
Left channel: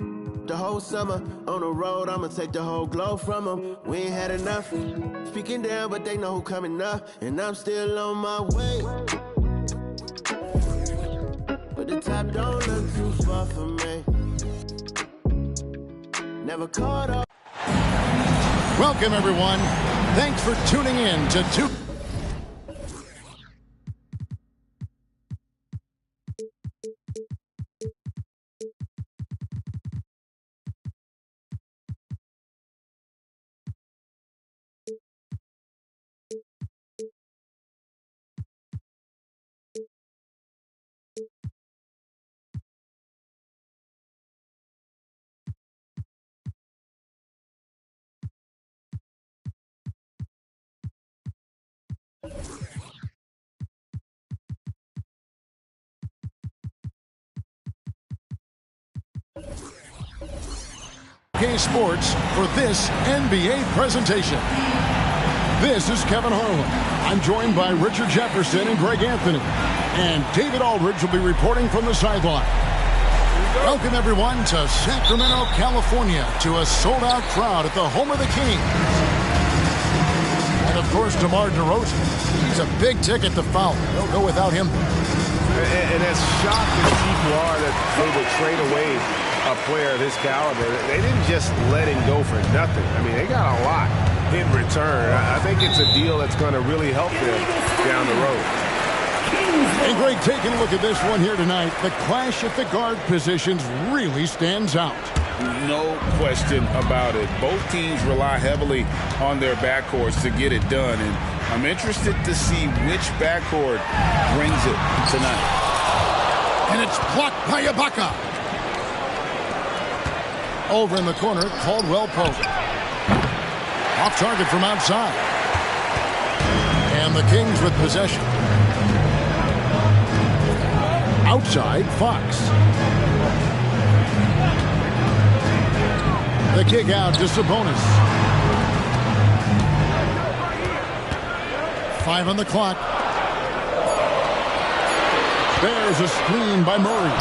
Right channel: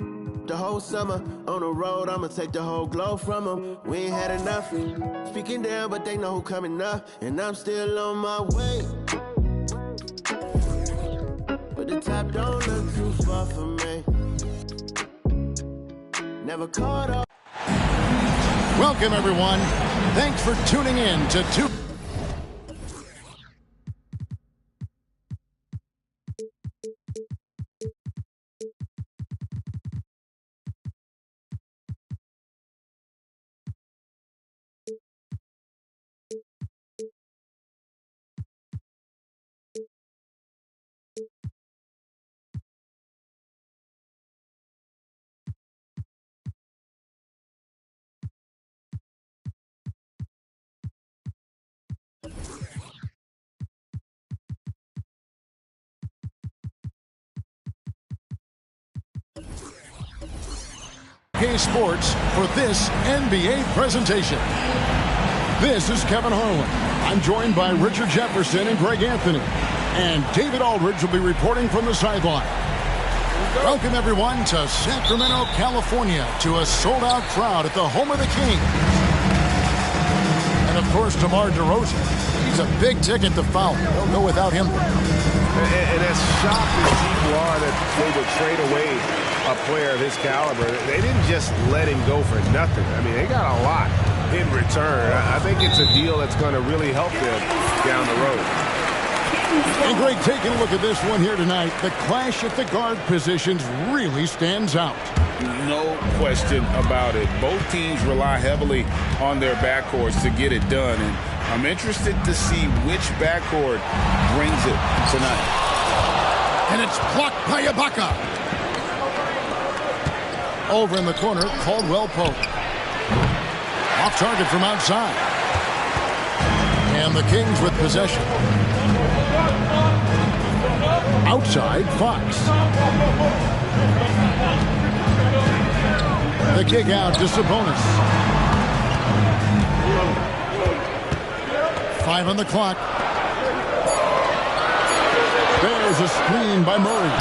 The whole summer on the road, I'ma take the whole glow from them. We ain't had enough. Speaking down, but they know who coming up, and I'm still on my way. But the top don't look too far for me. Never caught up. Welcome, everyone. Thanks for tuning in to Two. Sports for this NBA presentation. This is Kevin Harlan. I'm joined by Richard Jefferson and Greg Anthony. And David Aldridge will be reporting from the sideline. Welcome, everyone, to Sacramento, California, to a sold-out crowd at the home of the Kings. And, of course, DeMar DeRozan. He's a big ticket to foul. They'll go without him. And as shocked as people are that they would trade away a player of his caliber, they didn't just let him go for nothing. I mean, they got a lot in return. I think it's a deal that's going to really help them down the road. And Greg, taking a look at this one here tonight, the clash at the guard positions really stands out. No question about it. Both teams rely heavily on their backcourts to get it done, and I'm interested to see which backcourt brings it tonight. And it's blocked by Ibaka. Over in the corner, Caldwell Pope. Off target from outside. And the Kings with possession. Outside, Fox. The kick out to Sabonis. 5 on the clock. There's a screen by Murray.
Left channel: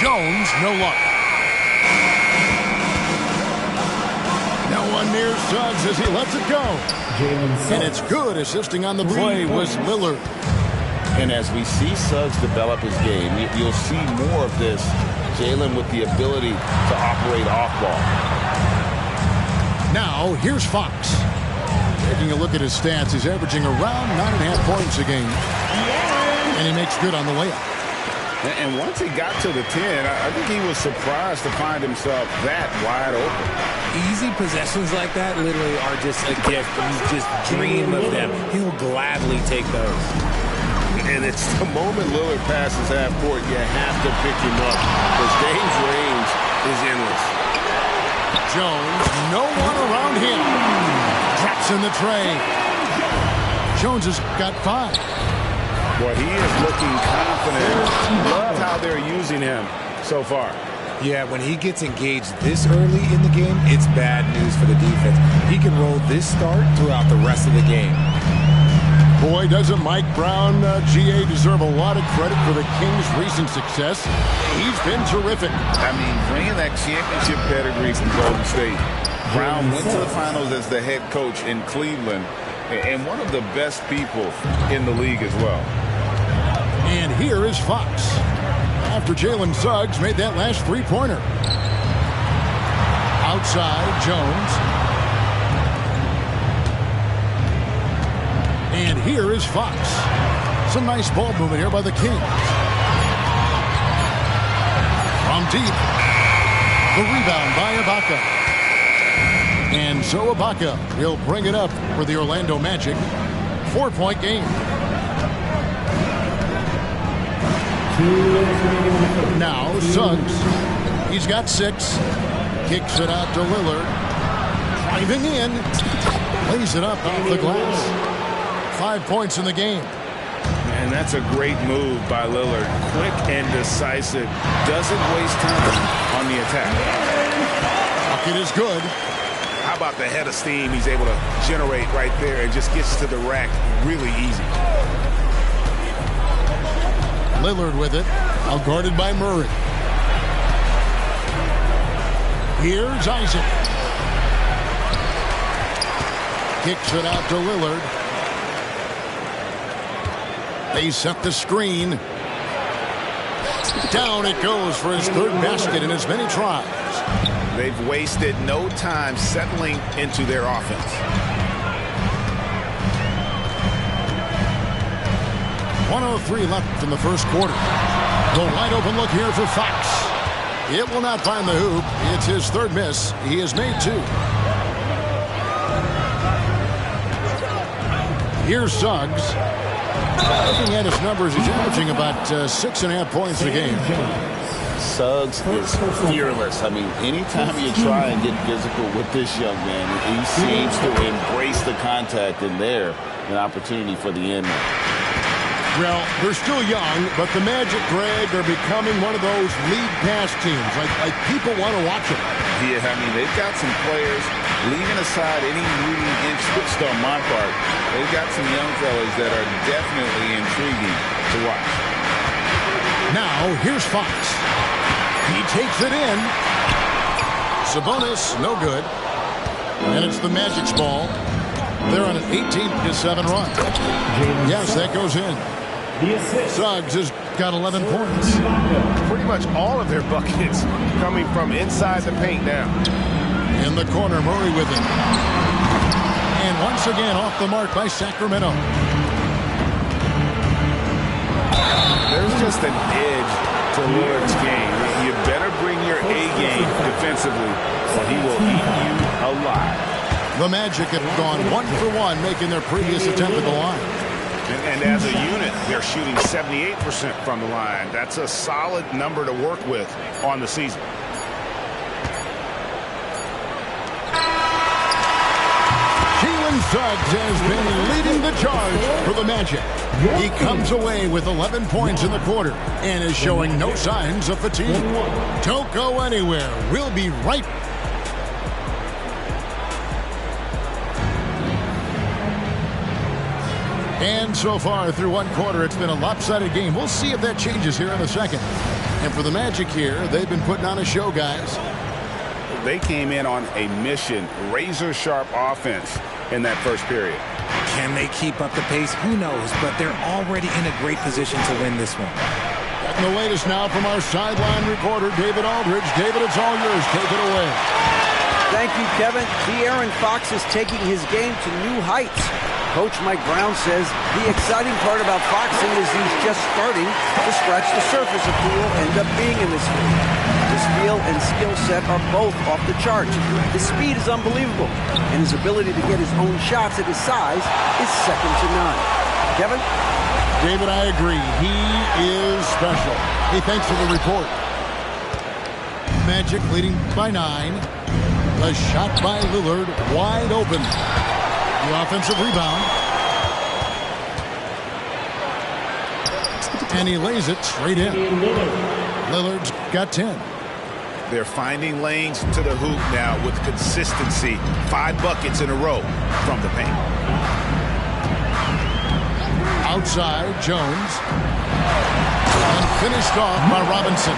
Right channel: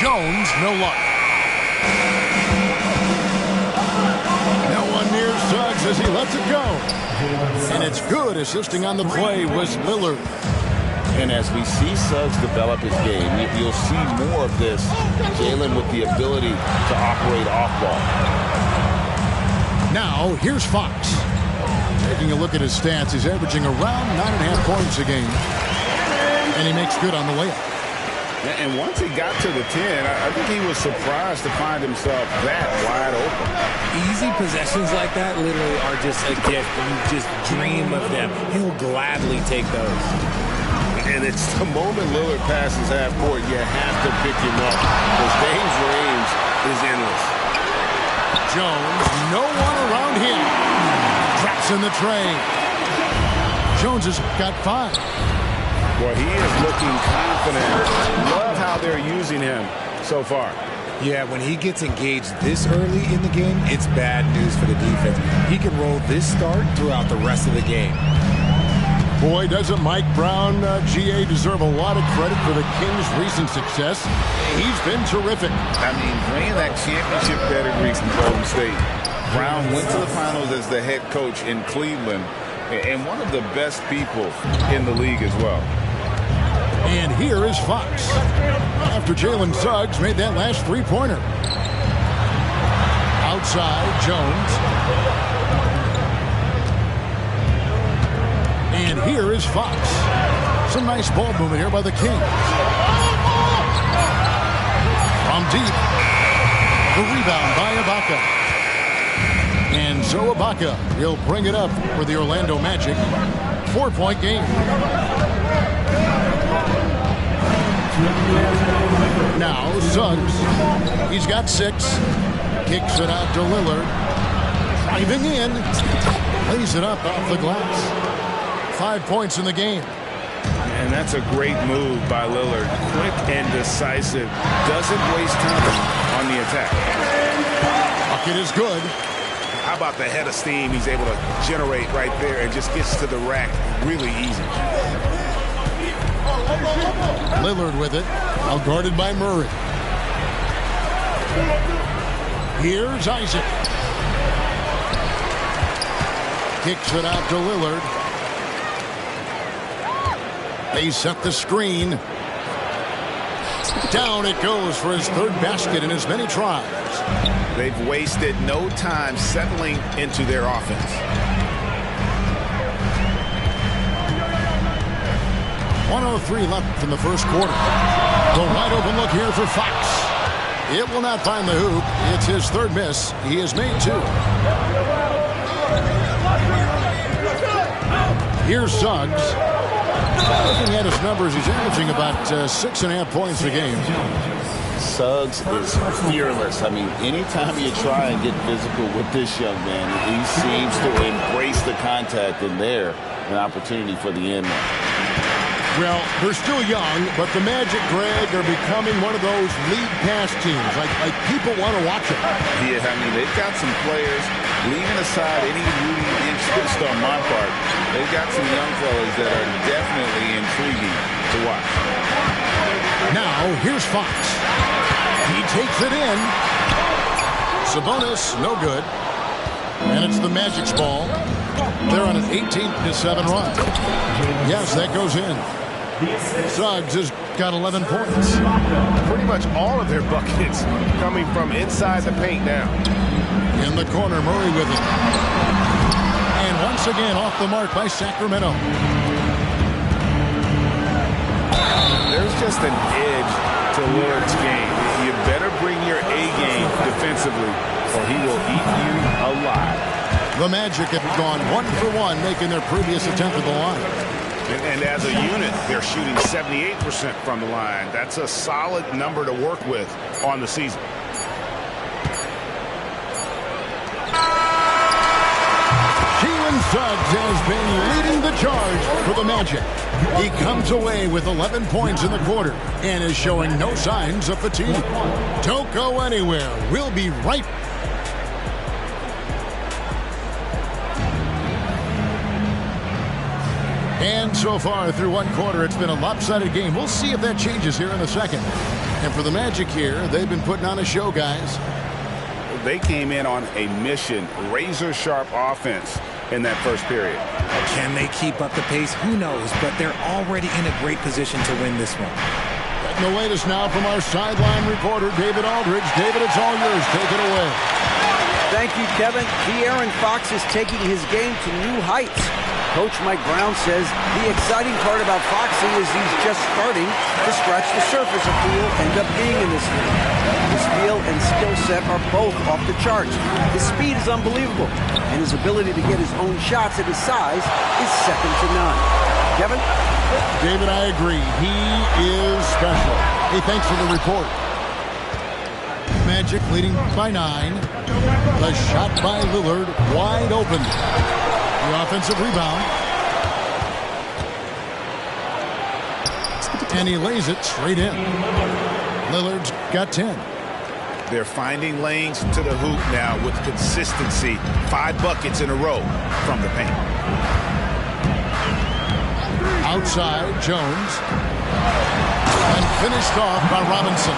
Jones, no luck. No one near Suggs as he lets it go. And it's good. Assisting on the play was Lillard. And as we see Suggs develop his game, you'll see more of this. Jalen with the ability to operate off ball. Now, here's Fox. Taking a look at his stats, he's averaging around 9.5 points a game. And he makes good on the layup. And once he got to the 10, I think he was surprised to find himself that wide open. Easy possessions like that literally are just a gift. You just dream of them. He'll gladly take those. And it's the moment Lillard passes half court, you have to pick him up because Dame's range is endless. Jones, no one around him. Drops in the tray. Jones has got 5. Boy, he is looking confident. Love how they're using him so far. Yeah, when he gets engaged this early in the game, it's bad news for the defense. He can roll this start throughout the rest of the game. Boy, doesn't Mike Brown, GA, deserve a lot of credit for the Kings' recent success. He's been terrific. I mean, bringing that championship pedigree from Golden State. Brown went to the finals as the head coach in Cleveland and one of the best people in the league as well. And here is Fox. After Jalen Suggs made that last three-pointer. Outside, Jones. And here is Fox. Some nice ball movement here by the Kings. From deep. The rebound by Ibaka. And so Ibaka will bring it up for the Orlando Magic. 4-point game. Now Suggs. He's got 6. Kicks it out to Lillard. Driving in. Lays it up off the glass. 5 points in the game. And that's a great move by Lillard. Quick and decisive. Doesn't waste time on the attack. Bucket is good. How about the head of steam he's able to generate right there and just gets to the rack really easy. Lillard with it. Out guarded by Murray. Here's Isaac. Kicks it out to Lillard. They set the screen. Down it goes for his third basket in as many tries. They've wasted no time settling into their offense. 1:03 left in the first quarter. The wide open look here for Fox. It will not find the hoop. It's his third miss. He has made 2. Here's Suggs. Looking at his numbers, he's averaging about 6.5 points a game. Suggs is fearless. I mean, anytime you try and get physical with this young man, he seems to embrace the contact, and there, an opportunity for the end one. Well, they're still young, but the Magic, Greg, are becoming one of those league pass teams. Like people want to watch them. Yeah, I mean, they've got some players, leaving aside any rooting interest on my part, they've got some young fellas that are definitely intriguing to watch. Now, here's Fox. He takes it in. Sabonis, no good. And it's the Magic's ball. They're on an 18-7 run. Yes, that goes in. Suggs has got 11 points. Pretty much all of their buckets coming from inside the paint now. In the corner, Murray with it. And once again, off the mark by Sacramento. There's just an edge to Lillard's game. You better bring your A game defensively, or he will eat you alive. The Magic have gone 1 for 1, making their previous attempt at the line. And as a unit, they're shooting 78% from the line. That's a solid number to work with on the season. Jalen Suggs has been leading the charge for the Magic. He comes away with 11 points in the quarter and is showing no signs of fatigue. Don't go anywhere. We'll be right back. And so far through one quarter, it's been a lopsided game. We'll see if that changes here in the second. And for the Magic here, they've been putting on a show, guys. They came in on a mission, razor-sharp offense in that first period. Can they keep up the pace? Who knows, but they're already in a great position to win this one. Getting the latest now from our sideline reporter, David Aldridge. David, it's all yours. Take it away. Thank you, Kevin. De'Aaron Fox is taking his game to new heights. Coach Mike Brown says the exciting part about Foxy is he's just starting to scratch the surface of who will end up being in this league. His feel and skill set are both off the charts. His speed is unbelievable, and his ability to get his own shots at his size is second to none. Kevin? David, I agree. He is special. Hey, thanks for the report. Magic leading by 9. The shot by Lillard, wide open. The offensive rebound. And he lays it straight in. Lillard's got 10. They're finding lanes to the hoop now with consistency. 5 buckets in a row from the paint. Outside, Jones. And finished off by Robinson.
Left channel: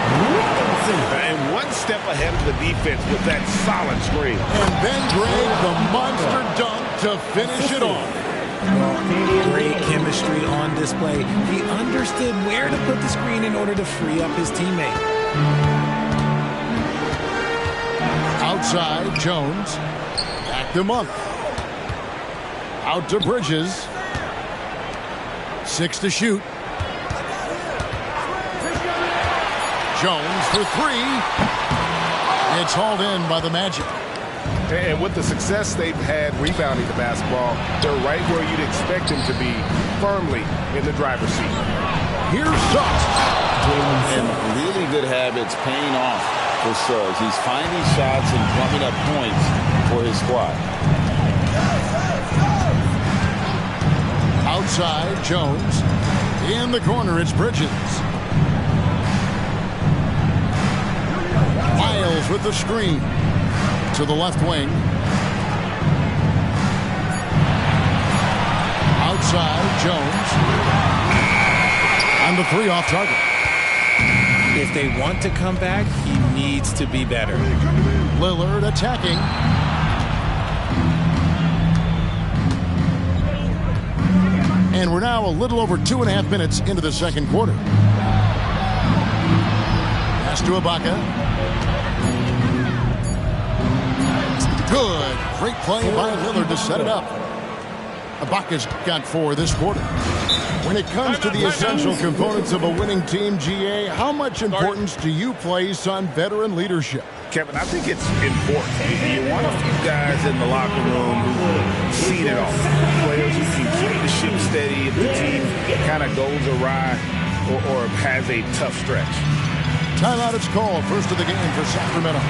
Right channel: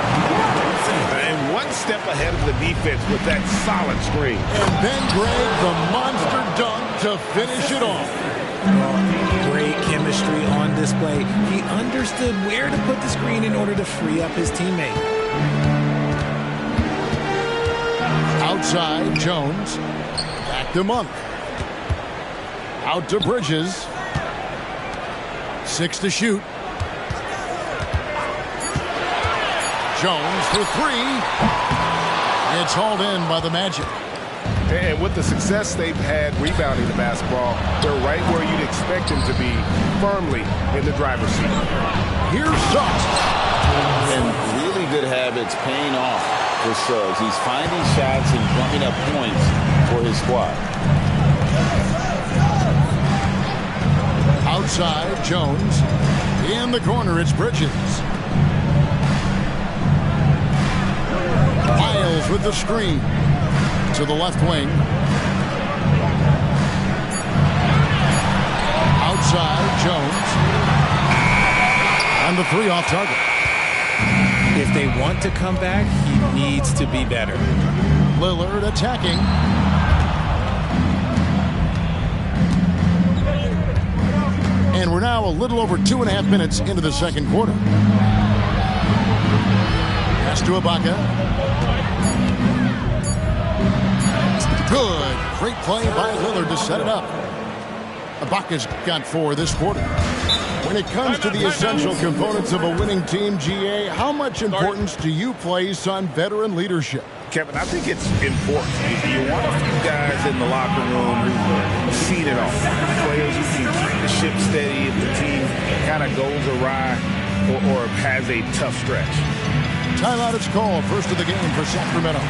And one step ahead of the defense with that solid screen. And then Greg, the monster dunk to finish it off. Well, great chemistry on display. He understood where to put the screen in order to free up his teammate. Outside, Jones. Back to Monk. Out to Bridges. 6 to shoot. Jones for 3. It's hauled in by the Magic. And with the success they've had rebounding the basketball, they're right where you'd expect them to be, firmly in the driver's seat. Here's Suggs. And really good habits paying off for Suggs. He's finding shots and drumming up points for his squad. Outside, Jones. In the corner, it's Bridges. Miles with the screen to the left wing. Outside, Jones. And the 3 off target. if they want to come back, he needs to be better. Lillard attacking. And we're now a little over 2.5 minutes into the second quarter. Pass to Ibaka. Good. Great play by Lillard to set it up. Ibaka's got 4 this quarter. When it comes to the essential components of a winning team, GA, how much importance do you place on veteran leadership? Kevin, I think it's important. You want a few guys in the locker room who've seen it all. Players who can keep the ship steady if the team kind of goes awry or has a tough stretch. Timeout is called. First of the game for Sacramento.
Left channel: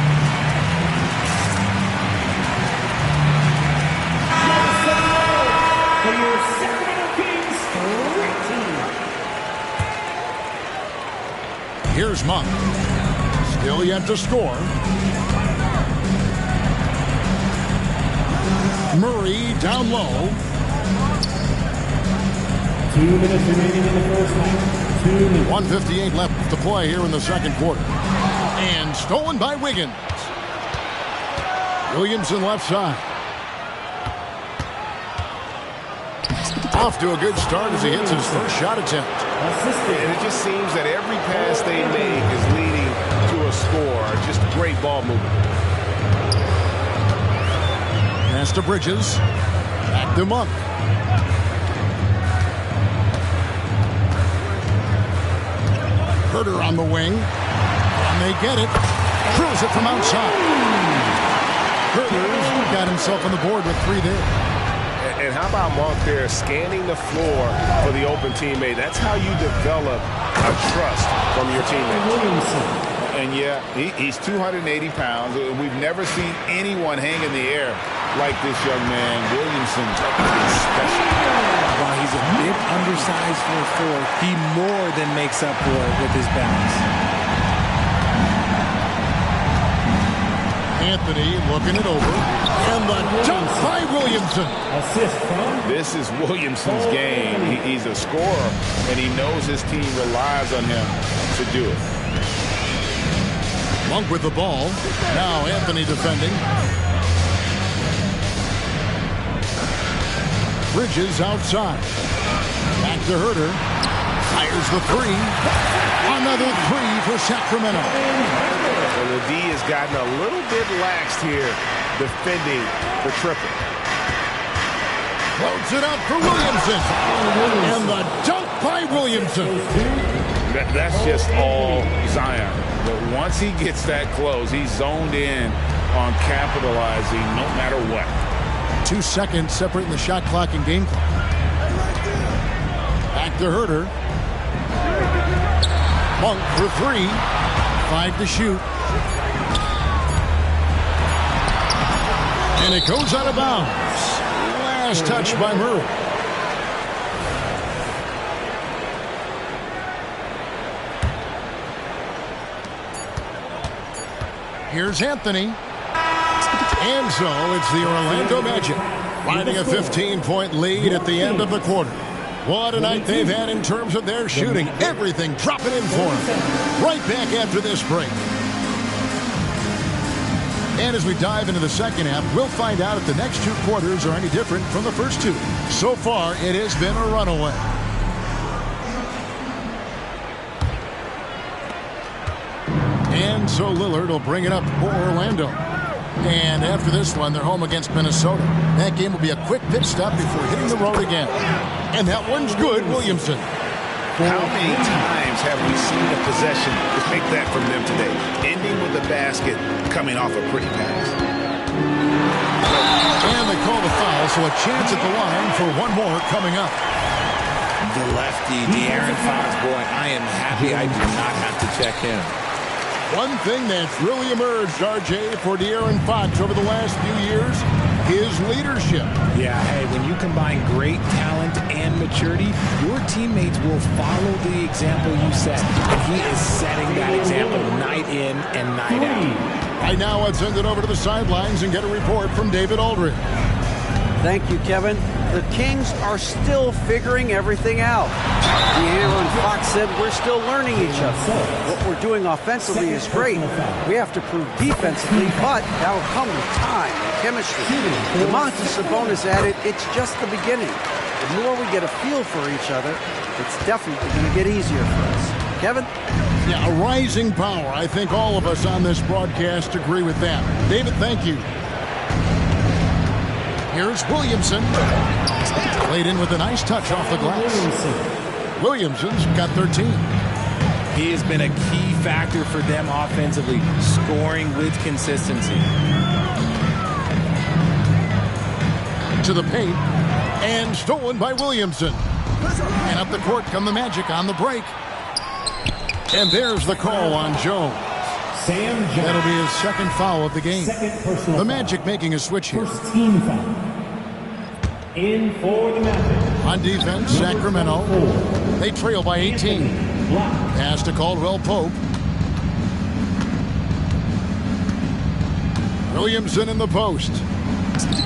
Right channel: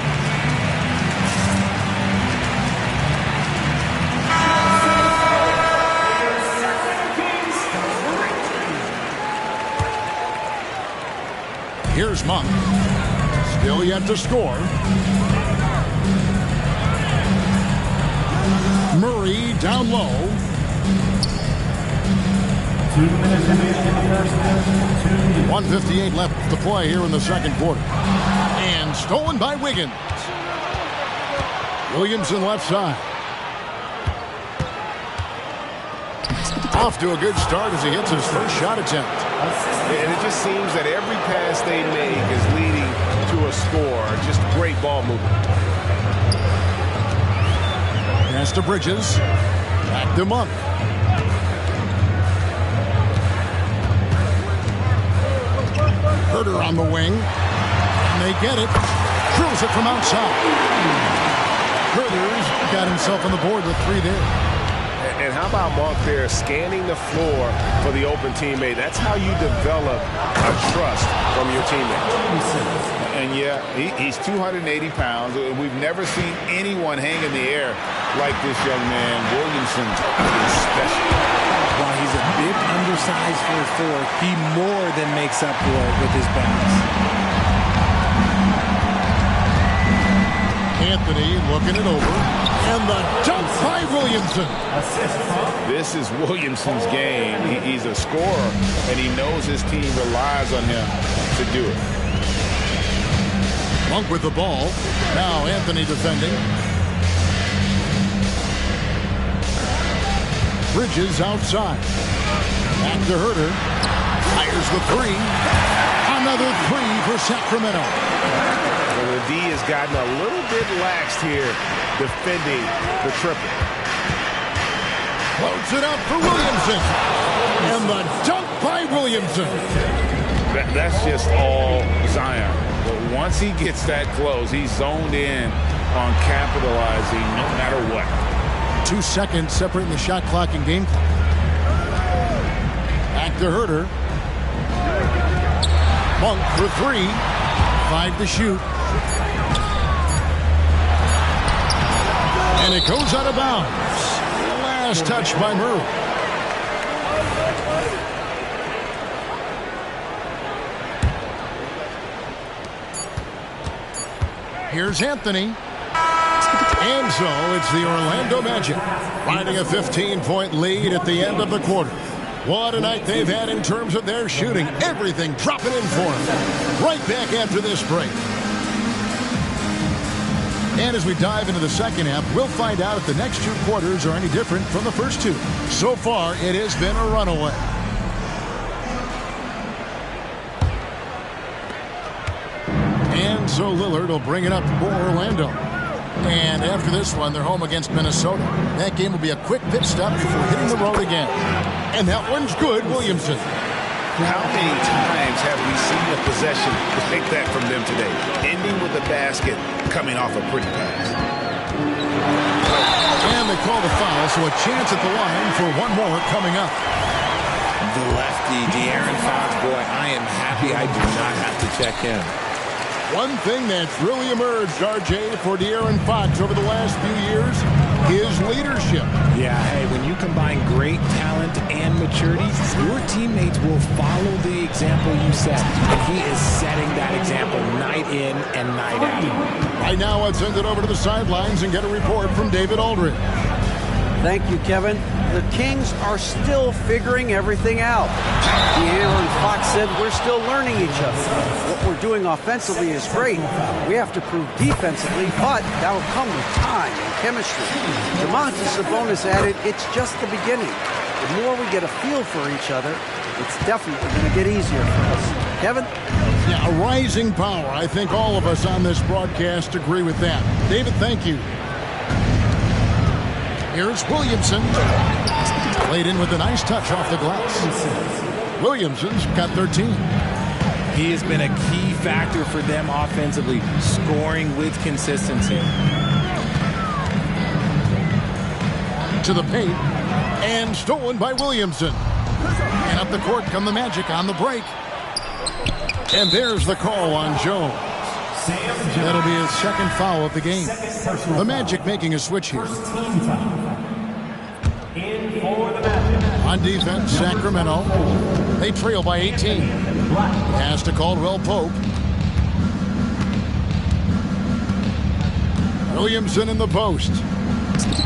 Here's Monk. Still yet to score. Murray down low. 2 minutes remaining in the first half. 1:58 left to play here in the second quarter. And stolen by Wiggins. Williamson left side. Off to a good start as he hits his first shot attempt. And it just seems that every pass they make is leading to a score. Just great ball movement. Pass to Bridges. Back to Monk. Herter on the wing. And they get it. Drills it from outside. Herter's got himself on the board with 3 there. And how about Monk there scanning the floor for the open teammate? That's how you develop a trust from your teammates. And yeah, he's 280 pounds. We've never seen anyone hang in the air like this young man. Williamson is special. While he's a bit undersized for a 4, he more than makes up for it with his balance. Anthony looking it over. And the dunk by Williamson. Assist from. This is Williamson's game. He's a scorer, and he knows his team relies on him to do it. Monk with the ball. Now Anthony defending. Bridges outside. Back to Herter. Fires the 3. Another 3 for Sacramento. So the D has gotten a little bit laxed here defending the triple. Floats it up for Williamson. And the dunk by Williamson. That's just all Zion. But once he gets that close, he's zoned in on capitalizing no matter what. 2 seconds separating the shot clock and game clock. Back to Herter. Monk for 3. 5 to shoot. And it goes out of bounds. Last touch by Murray. Here's Anthony. And so it's the Orlando Magic finding a 15-point lead at the end of the quarter. What a night they've had in terms of their shooting. Everything dropping in for them. Right back after this break. And as we dive into the second half, we'll find out if the next 2 quarters are any different from the first 2. So far, it has been a runaway. And so Lillard will bring it up for Orlando. And after this one, they're home against Minnesota. That game will be a quick pit stop before hitting the road again. And that one's good, Williamson. How many times have we seen a possession like that from them today? Ending with a basket, coming off a pretty pass. And they call the foul, so a chance at the line for one more coming up. The lefty, De'Aaron Fox, boy, I am happy I do not have to check him. One thing that's really emerged, RJ, for De'Aaron Fox over the last few years, his leadership. Yeah, hey, when you combine great talent and maturity, your teammates will follow the example you set. And he is setting that example night in and night out. Right now, let's send it over to the sidelines and get a report from David Aldridge. Thank you, Kevin. The Kings are still figuring everything out. De'Aaron Fox said we're still learning each other. What we're doing offensively is great. We have to prove defensively, but that'll come with time and chemistry. Domantas Sabonis added, it's just the beginning. The more we get a feel for each other, it's definitely going to get easier for us. Kevin? Yeah, a rising power. I think all of us on this broadcast agree with that. David, thank you. Here's Williamson. Played in with a nice touch off the glass. Williamson's got 13. He has been a key factor for them offensively, scoring with consistency. To the paint, and stolen by Williamson. And up the court come the Magic on the break. And there's the call on Jones. That'll be his second foul of the game. The Magic making a switch here. Team foul. In for the Magic. On defense, Sacramento. They trail by 18. Pass to Caldwell Pope. Williamson in the post.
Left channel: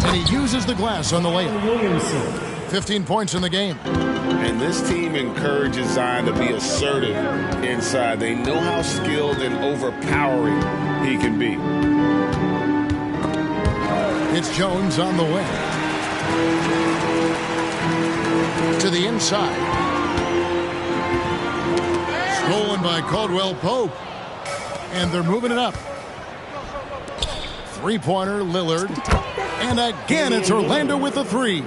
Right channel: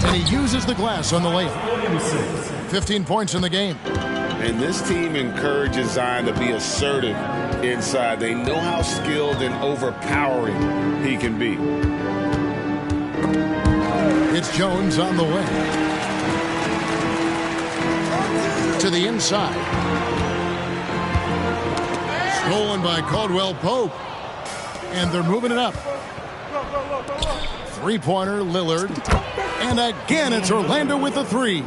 And he uses the glass on the layup. 15 points in the game. And this team encourages Zion to be assertive inside. They know how skilled and overpowering he can be. It's Jones on the way. To the inside. Stolen by Caldwell Pope. And they're moving it up. Three-pointer, Lillard. And again, it's Orlando with a three.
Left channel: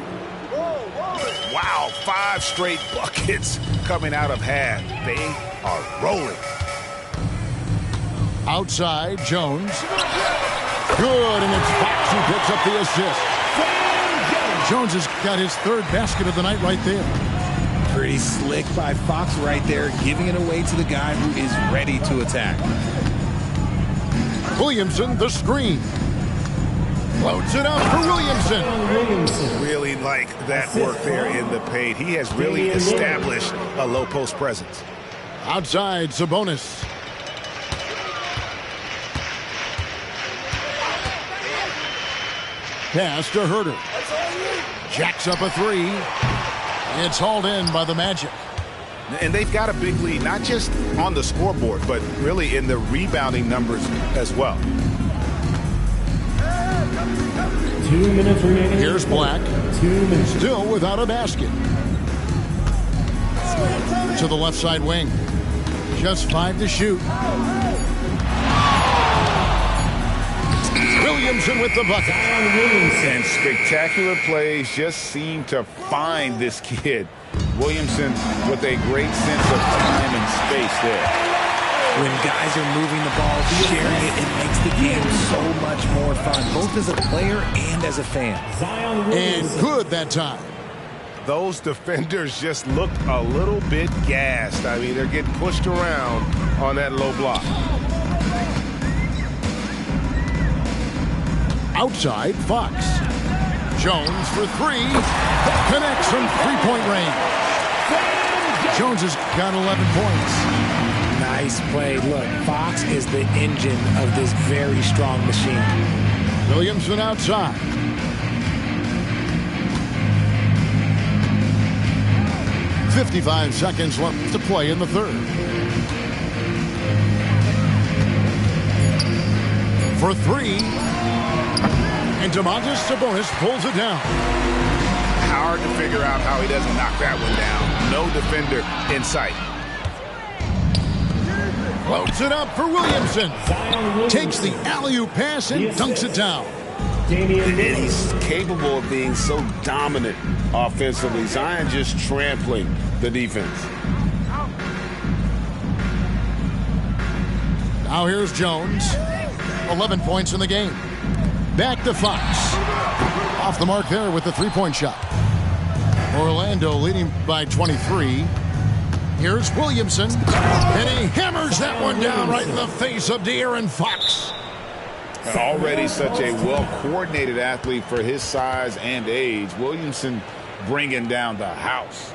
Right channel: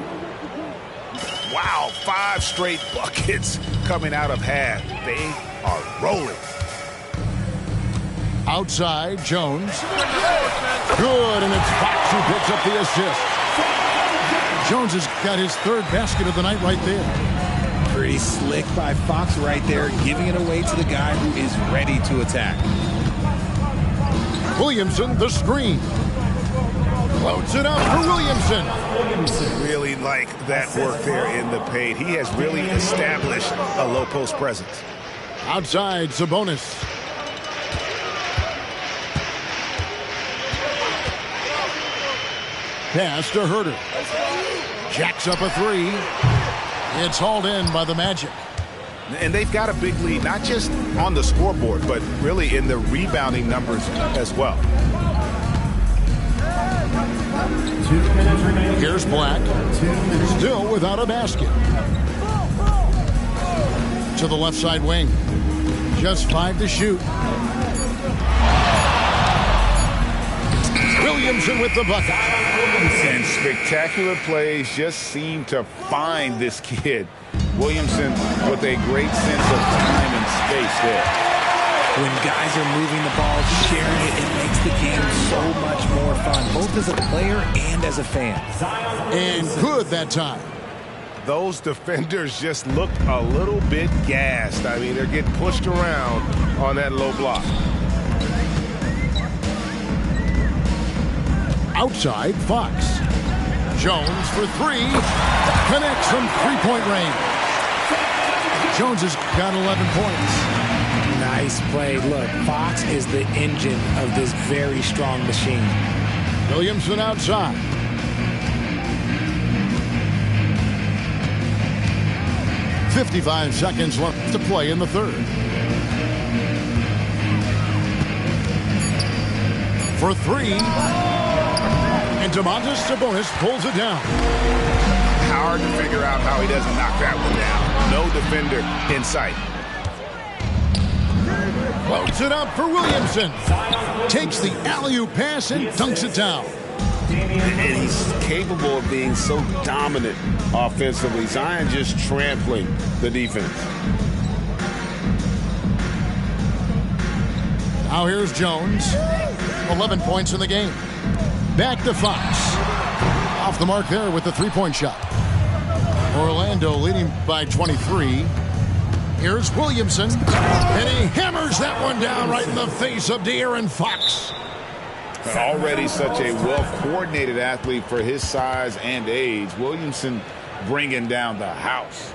Wow, 5 straight buckets coming out of half. They are rolling. Outside, Jones. Good, and it's Fox who picks up the assist. Jones has got his third basket of the night right there. Pretty slick by Fox right there, giving it away to the guy who is ready to attack. Williamson, the screen. Floats it up for Williamson. Really like that work there in the paint. He has really established a low post presence. Outside, Sabonis. Pass to Herter. Jacks up a three. It's hauled in by the Magic. And they've got a big lead, not just on the scoreboard, but really in the rebounding numbers as well. 2 minutes remaining. Here's Black. 2 minutes. Still without a basket. To the left side wing. Just 5 to shoot. Williamson with the bucket. And spectacular plays just seem to find this kid. Williamson with a great sense of time and space there. When guys are moving the ball, sharing it, it makes the game so much more fun, both as a player and as a fan. And good that time. Those defenders just looked a little bit gassed. I mean, they're getting pushed around on that low block. Outside, Fox. Jones for three. Connects from three-point range. Jones has got 11 points. Nice play. Look, Fox is the engine of this very strong machine. Williamson outside. .55 seconds left to play in the third. For three. And Domantas Sabonis pulls it down. Hard to figure out how he doesn't knock that one down. No defender in sight. Floats it up for Williamson. Takes the alley-oop pass and dunks it down. And he's capable of being so dominant offensively. Zion just trampling the defense. Now here's Jones. 11 points in the game. Back to Fox. Off the mark there with the three-point shot. Orlando leading by 23. Here's Williamson. And he hammers that one down right in the face of De'Aaron Fox. Already such a well-coordinated athlete for his size and age. Williamson bringing down the house.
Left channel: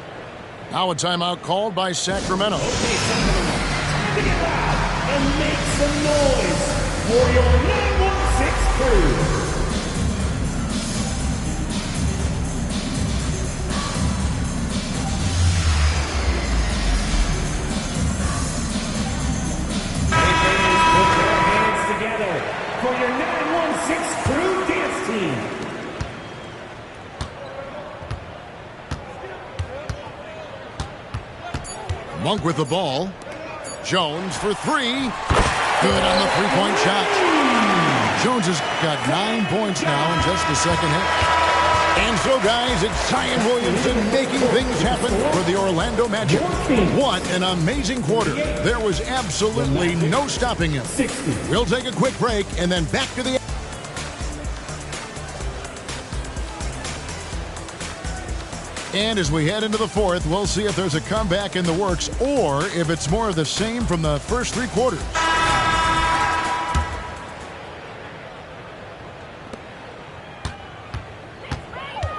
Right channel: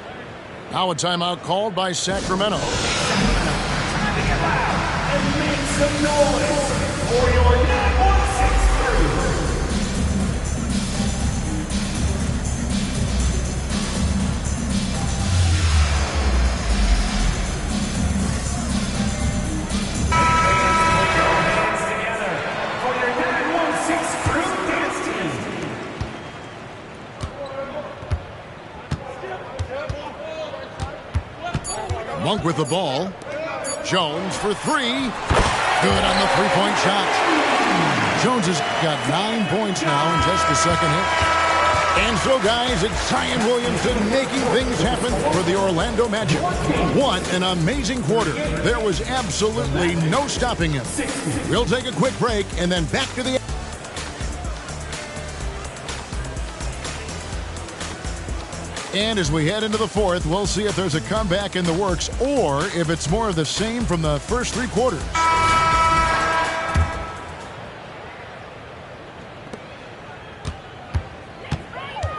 Now a timeout called by Sacramento. Get loud and make some noise for your 916 crew. Monk with the ball. Jones for three. Good on the three-point shot. Jones has got 9 points now in just the second half. And so, guys, it's Zion Williamson making things happen for the Orlando Magic. What an amazing quarter. There was absolutely no stopping him. We'll take a quick break and then back to the... And as we head into the fourth, we'll see if there's a comeback in the works or if it's more of the same from the first three quarters.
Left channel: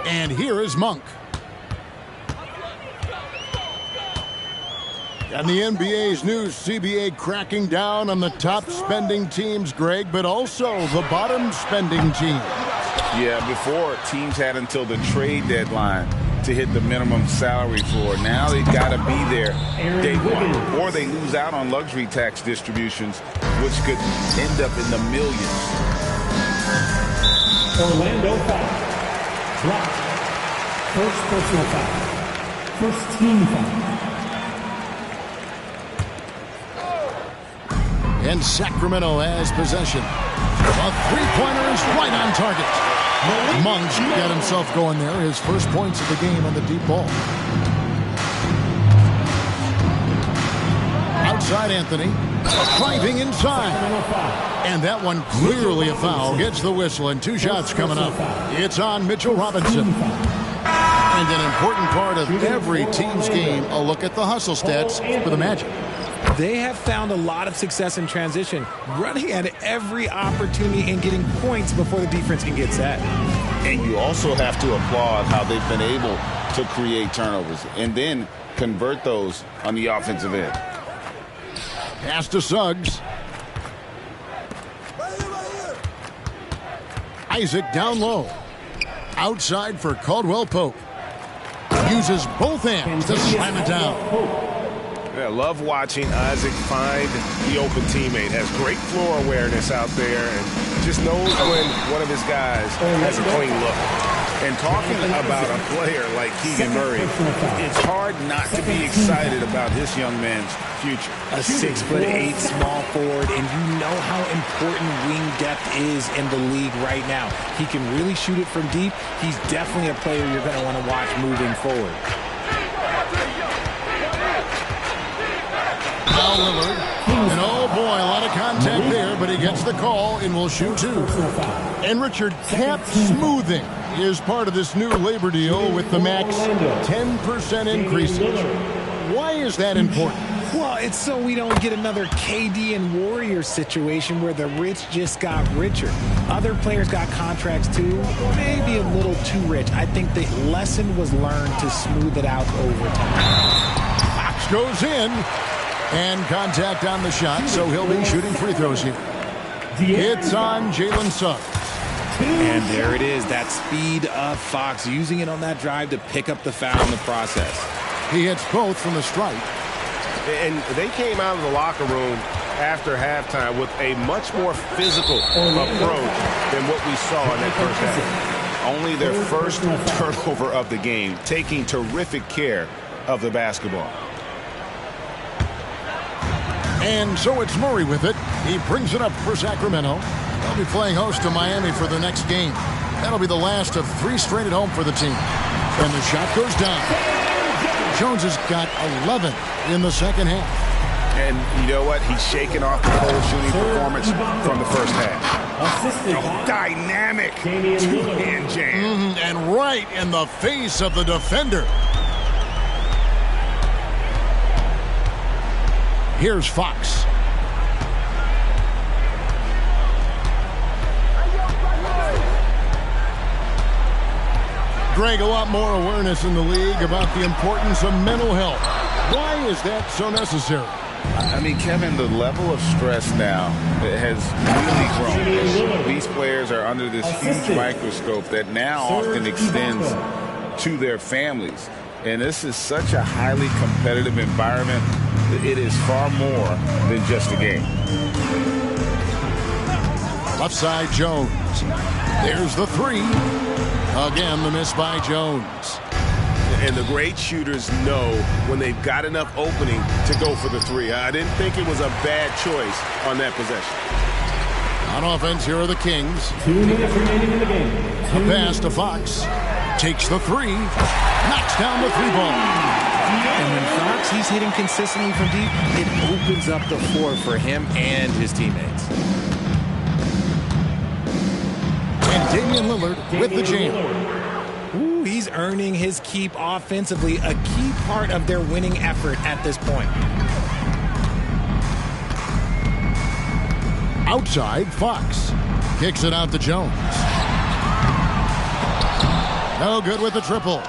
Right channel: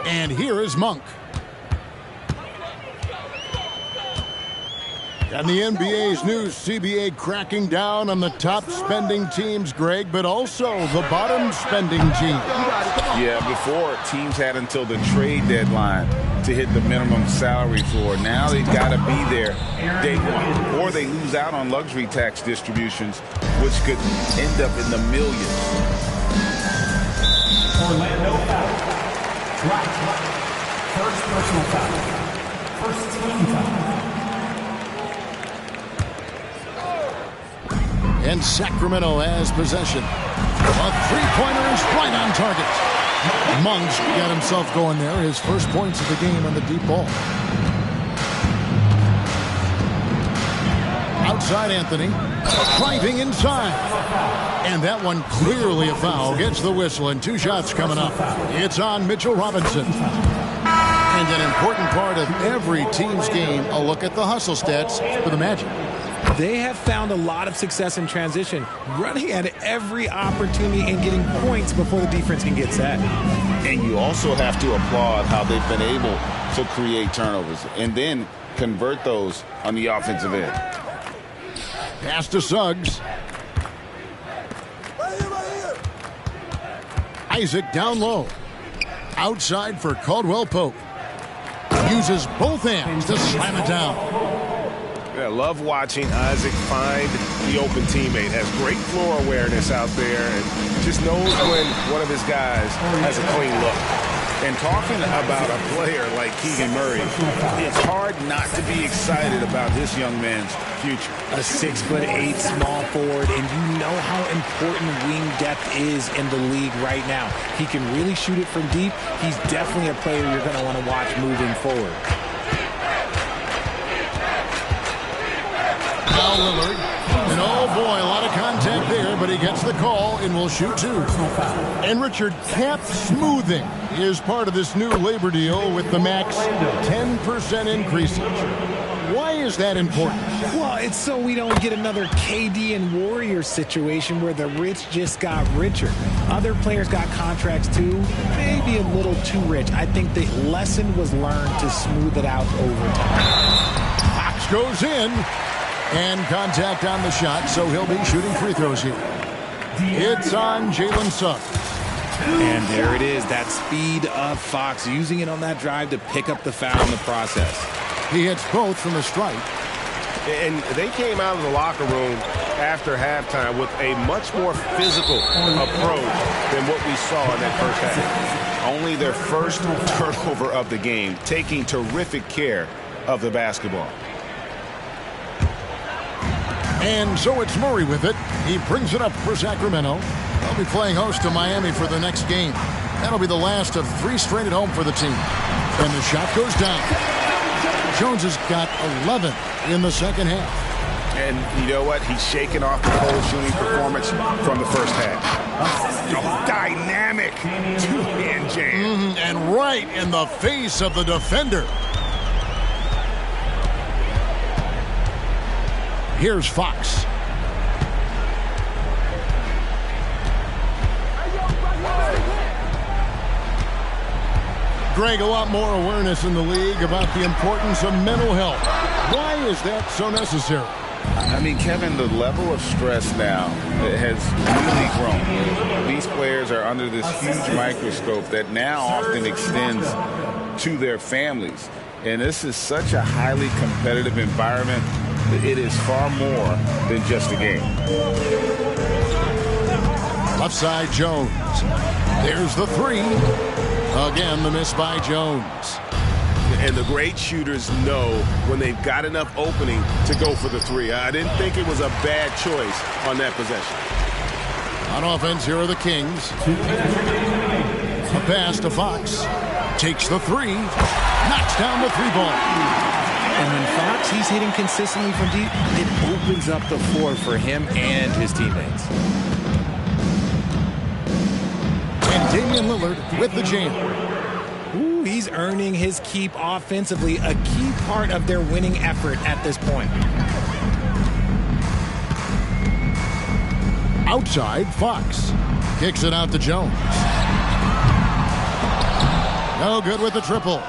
And here is Monk. And the NBA's new CBA cracking down on the top spending teams, Greg, but also the bottom spending teams. Yeah, before teams had until the trade deadline to hit the minimum salary floor. Now they've got to be there day one, or they lose out on luxury tax distributions, which could end up in the millions. Orlando foul. Drop. First personal foul. First team foul. And Sacramento has possession. A three-pointer is right on target. Monk's got himself going there. His first points of the game on the deep ball. Outside Anthony. Driving inside. And that one clearly a foul. Gets the whistle and 2 shots coming up. It's on Mitchell Robinson. And an important part of every team's game, a look at the hustle stats for the Magic. They have found a lot of success in transition, running at every opportunity and getting points before the defense can get set. And you also have to applaud how they've been able to create turnovers and then convert those on the offensive end. Pass to Suggs. Isaac down low. Outside for Caldwell Pope. Uses both hands to slam it down. Yeah, love watching Isaac find the open teammate. Has great floor awareness out there and just knows when one of his guys has a clean look. And talking about a player like Keegan Murray, it's hard not to be excited about this young man's future. A 6'8" small forward, and you know how important wing depth is in the league right now. He can really shoot it from deep. He's definitely a player you're going to want to watch moving forward. Now Lillard. And oh boy, a lot of contact there, but he gets the call and will shoot 2. And Richard, cap smoothing is part of this new labor deal with the max 10% increases. Why is that important? Well, it's so we don't get another KD and Warriors situation where the rich just got richer. Other players got contracts too, maybe a little too rich. I think the lesson was learned to smooth it out over time. Fox goes in. And contact on the shot, so he'll be shooting free throws here. It's on Jalen Suggs. And there it is, that speed of Fox, using it on that drive to pick up the foul in the process. He hits both from the stripe. And they came out of the locker room after halftime with a much more physical approach than what we saw in that first half. Only their first turnover of the game, taking terrific care of the basketball. And so it's Murray with it. He brings it up for Sacramento. They'll be playing host to Miami for the next game. That'll be the last of 3 straight at home for the team. And the shot goes down. Jones has got 11 in the second half. And you know what? He's shaking off the cold shooting performance from the first half. Oh, dynamic two-hand jam. And right in the face of the defender. Here's Fox. Greg, a lot more awareness in the league about the importance of mental health. Why is that so necessary? I mean, Kevin, the level of stress now has really grown. These players are under this huge microscope that now often extends to their families. And this is such a highly competitive environment. It is far more than just a game. Left side, Jones. There's the 3. Again, the miss by Jones. And the great shooters know when they've got enough opening to go for the three. I didn't think it was a bad choice on that possession. On offense, here are the Kings. A pass to Fox. Takes the three. Knocks down the three ball. And when Fox, he's hitting consistently from deep, it opens up the floor for him and his teammates. And Damian Lillard with the jam. Ooh, he's earning his keep offensively, a key part of their winning effort at this point. Outside, Fox. Kicks it out to Jones. No good with the triple.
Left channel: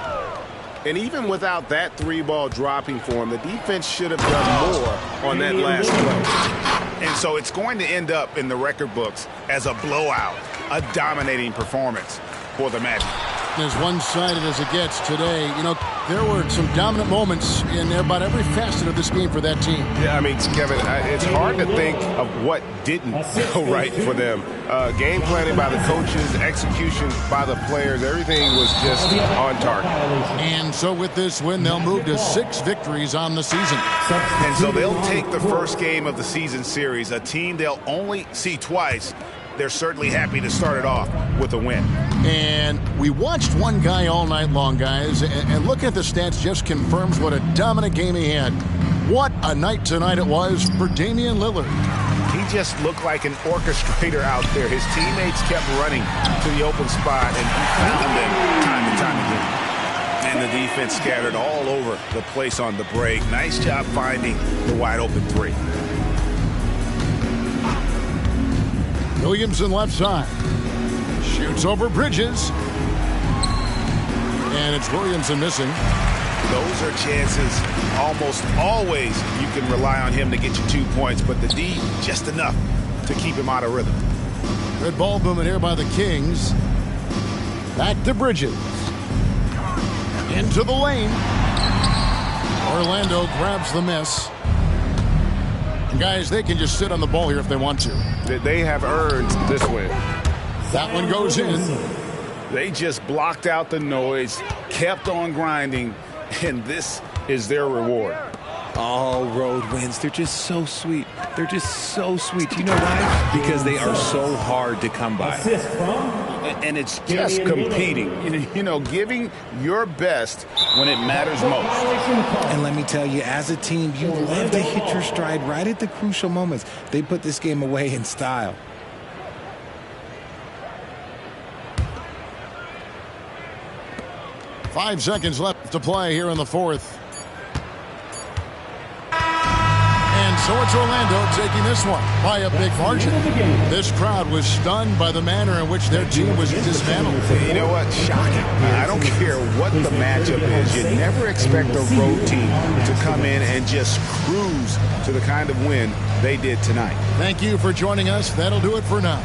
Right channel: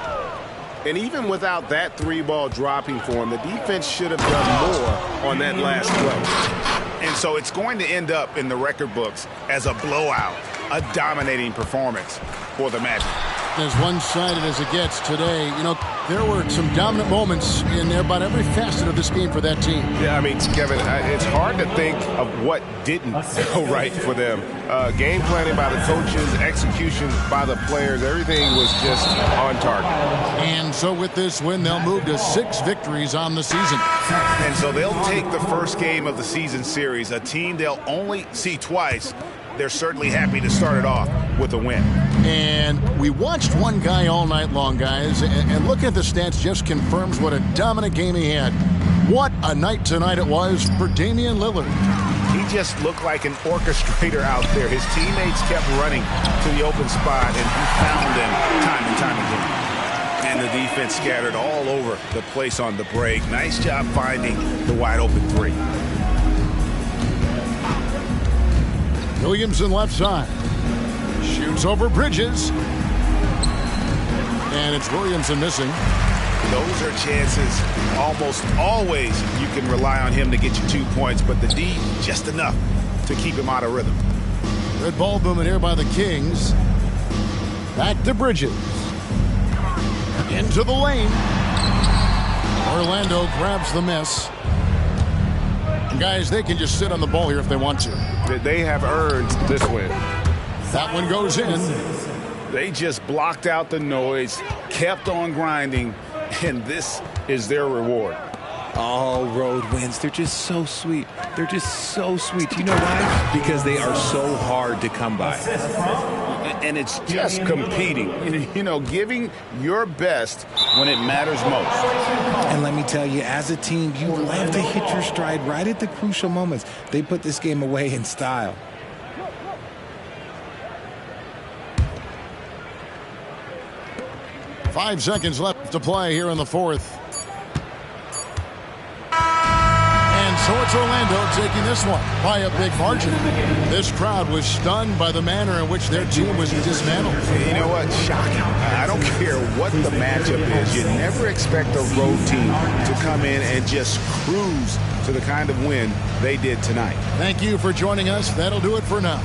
And even without that three ball dropping for him, the defense should have done more on that last play. And so it's going to end up in the record books as a blowout, a dominating performance for the Magic. As one-sided as it gets today, you know, there were some dominant moments in about every facet of this game for that team. Yeah, I mean, Kevin, it's hard to think of what didn't go right for them. Game planning by the coaches, execution by the players, everything was just on target. And so with this win, they'll move to 6 victories on the season. And so they'll take the first game of the season series, a team they'll only see twice. They're certainly happy to start it off with a win. And we watched one guy all night long, guys, and looking at the stats just confirms what a dominant game he had. What a night tonight it was for Damian Lillard. He just looked like an orchestrator out there. His teammates kept running to the open spot, and he found them time and time again. And the defense scattered all over the place on the break. Nice job finding the wide open three. Williamson left side. Shoots over Bridges. And it's Williamson missing. Those are chances almost always you can rely on him to get you 2 points, but the D just enough to keep him out of rhythm. Good ball movement here by the Kings. Back to Bridges. Into the lane. Orlando grabs the miss. And guys, they can just sit on the ball here if they want to. They have earned this win. That one goes in. They just blocked out the noise, kept on grinding, and this is their reward. All road wins. They're just so sweet. They're just so sweet. You know why? Because they are so hard to come by. And it's just competing, you know, giving your best when it matters most. And let me tell you, as a team, you love to hit your stride right at the crucial moments. They put this game away in style. Five seconds left to play here in the fourth. And so it's Orlando taking this one by a big margin. This crowd was stunned by the manner in which their team was dismantled. You know what? Shocking. I don't care what the matchup is. You never expect a road team to come in and just cruise to the kind of win they did tonight. Thank you for joining us. That'll do it for now.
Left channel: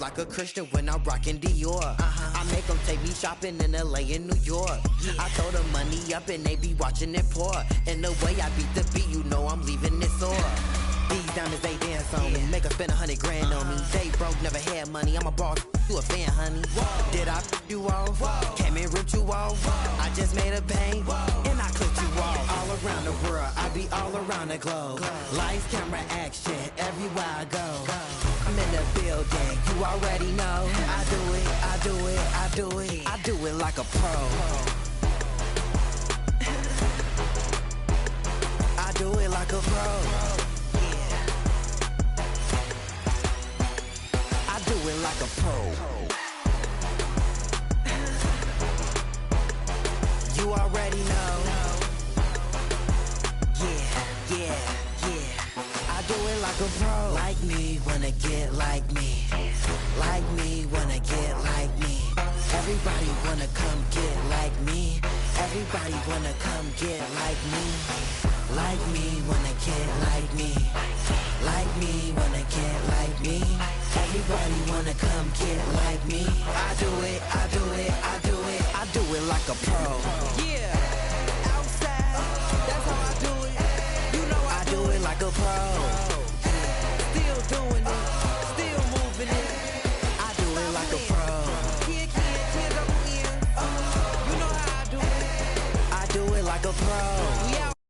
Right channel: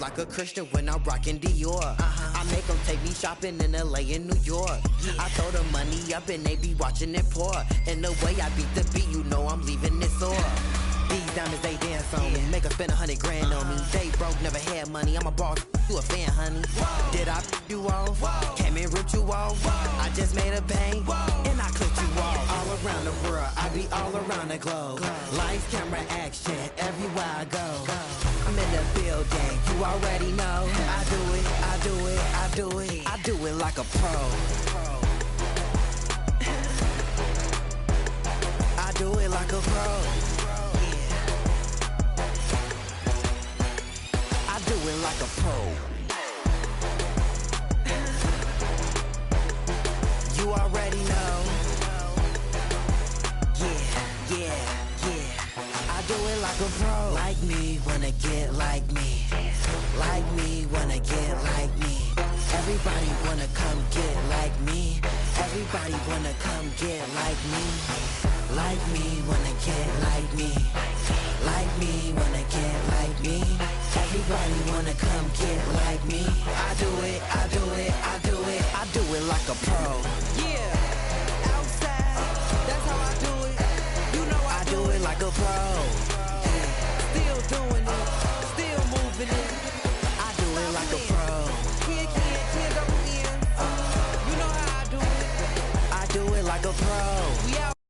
Like a Christian when I'm rocking Dior. I make them take me shopping in LA and New York. I throw the money up and they be watching it pour. And the way I beat the beat, you know I'm leaving it sore. These diamonds, they dance on me. Make her spend $100 grand on me. They broke, never had money. I'm a boss, you a fan, honey. Did I you off? Came and ripped you off. I just made a bang and I clipped you off. All around the world, I be all around the globe. Lights, camera, action, everywhere I go. I'm in the building, you already know. I do it, I do it, I do it. I do it like a pro. I do it like a pro. Do it like a pro. You already know. Yeah. I do it like a pro. Like me, wanna get like me. Like me, wanna get like me. Everybody wanna come get like me. Everybody wanna come get like me. Like me, wanna get like me. Like me, wanna get like me. Everybody wanna come get like me. I do it, I do it, I do it, I do it like a pro. Yeah, outside, that's how I do it. You know I do it like a pro. Still doing it, still moving it. I do it like a pro. Kid, double N. You know how I do it. I do it like a pro. We out.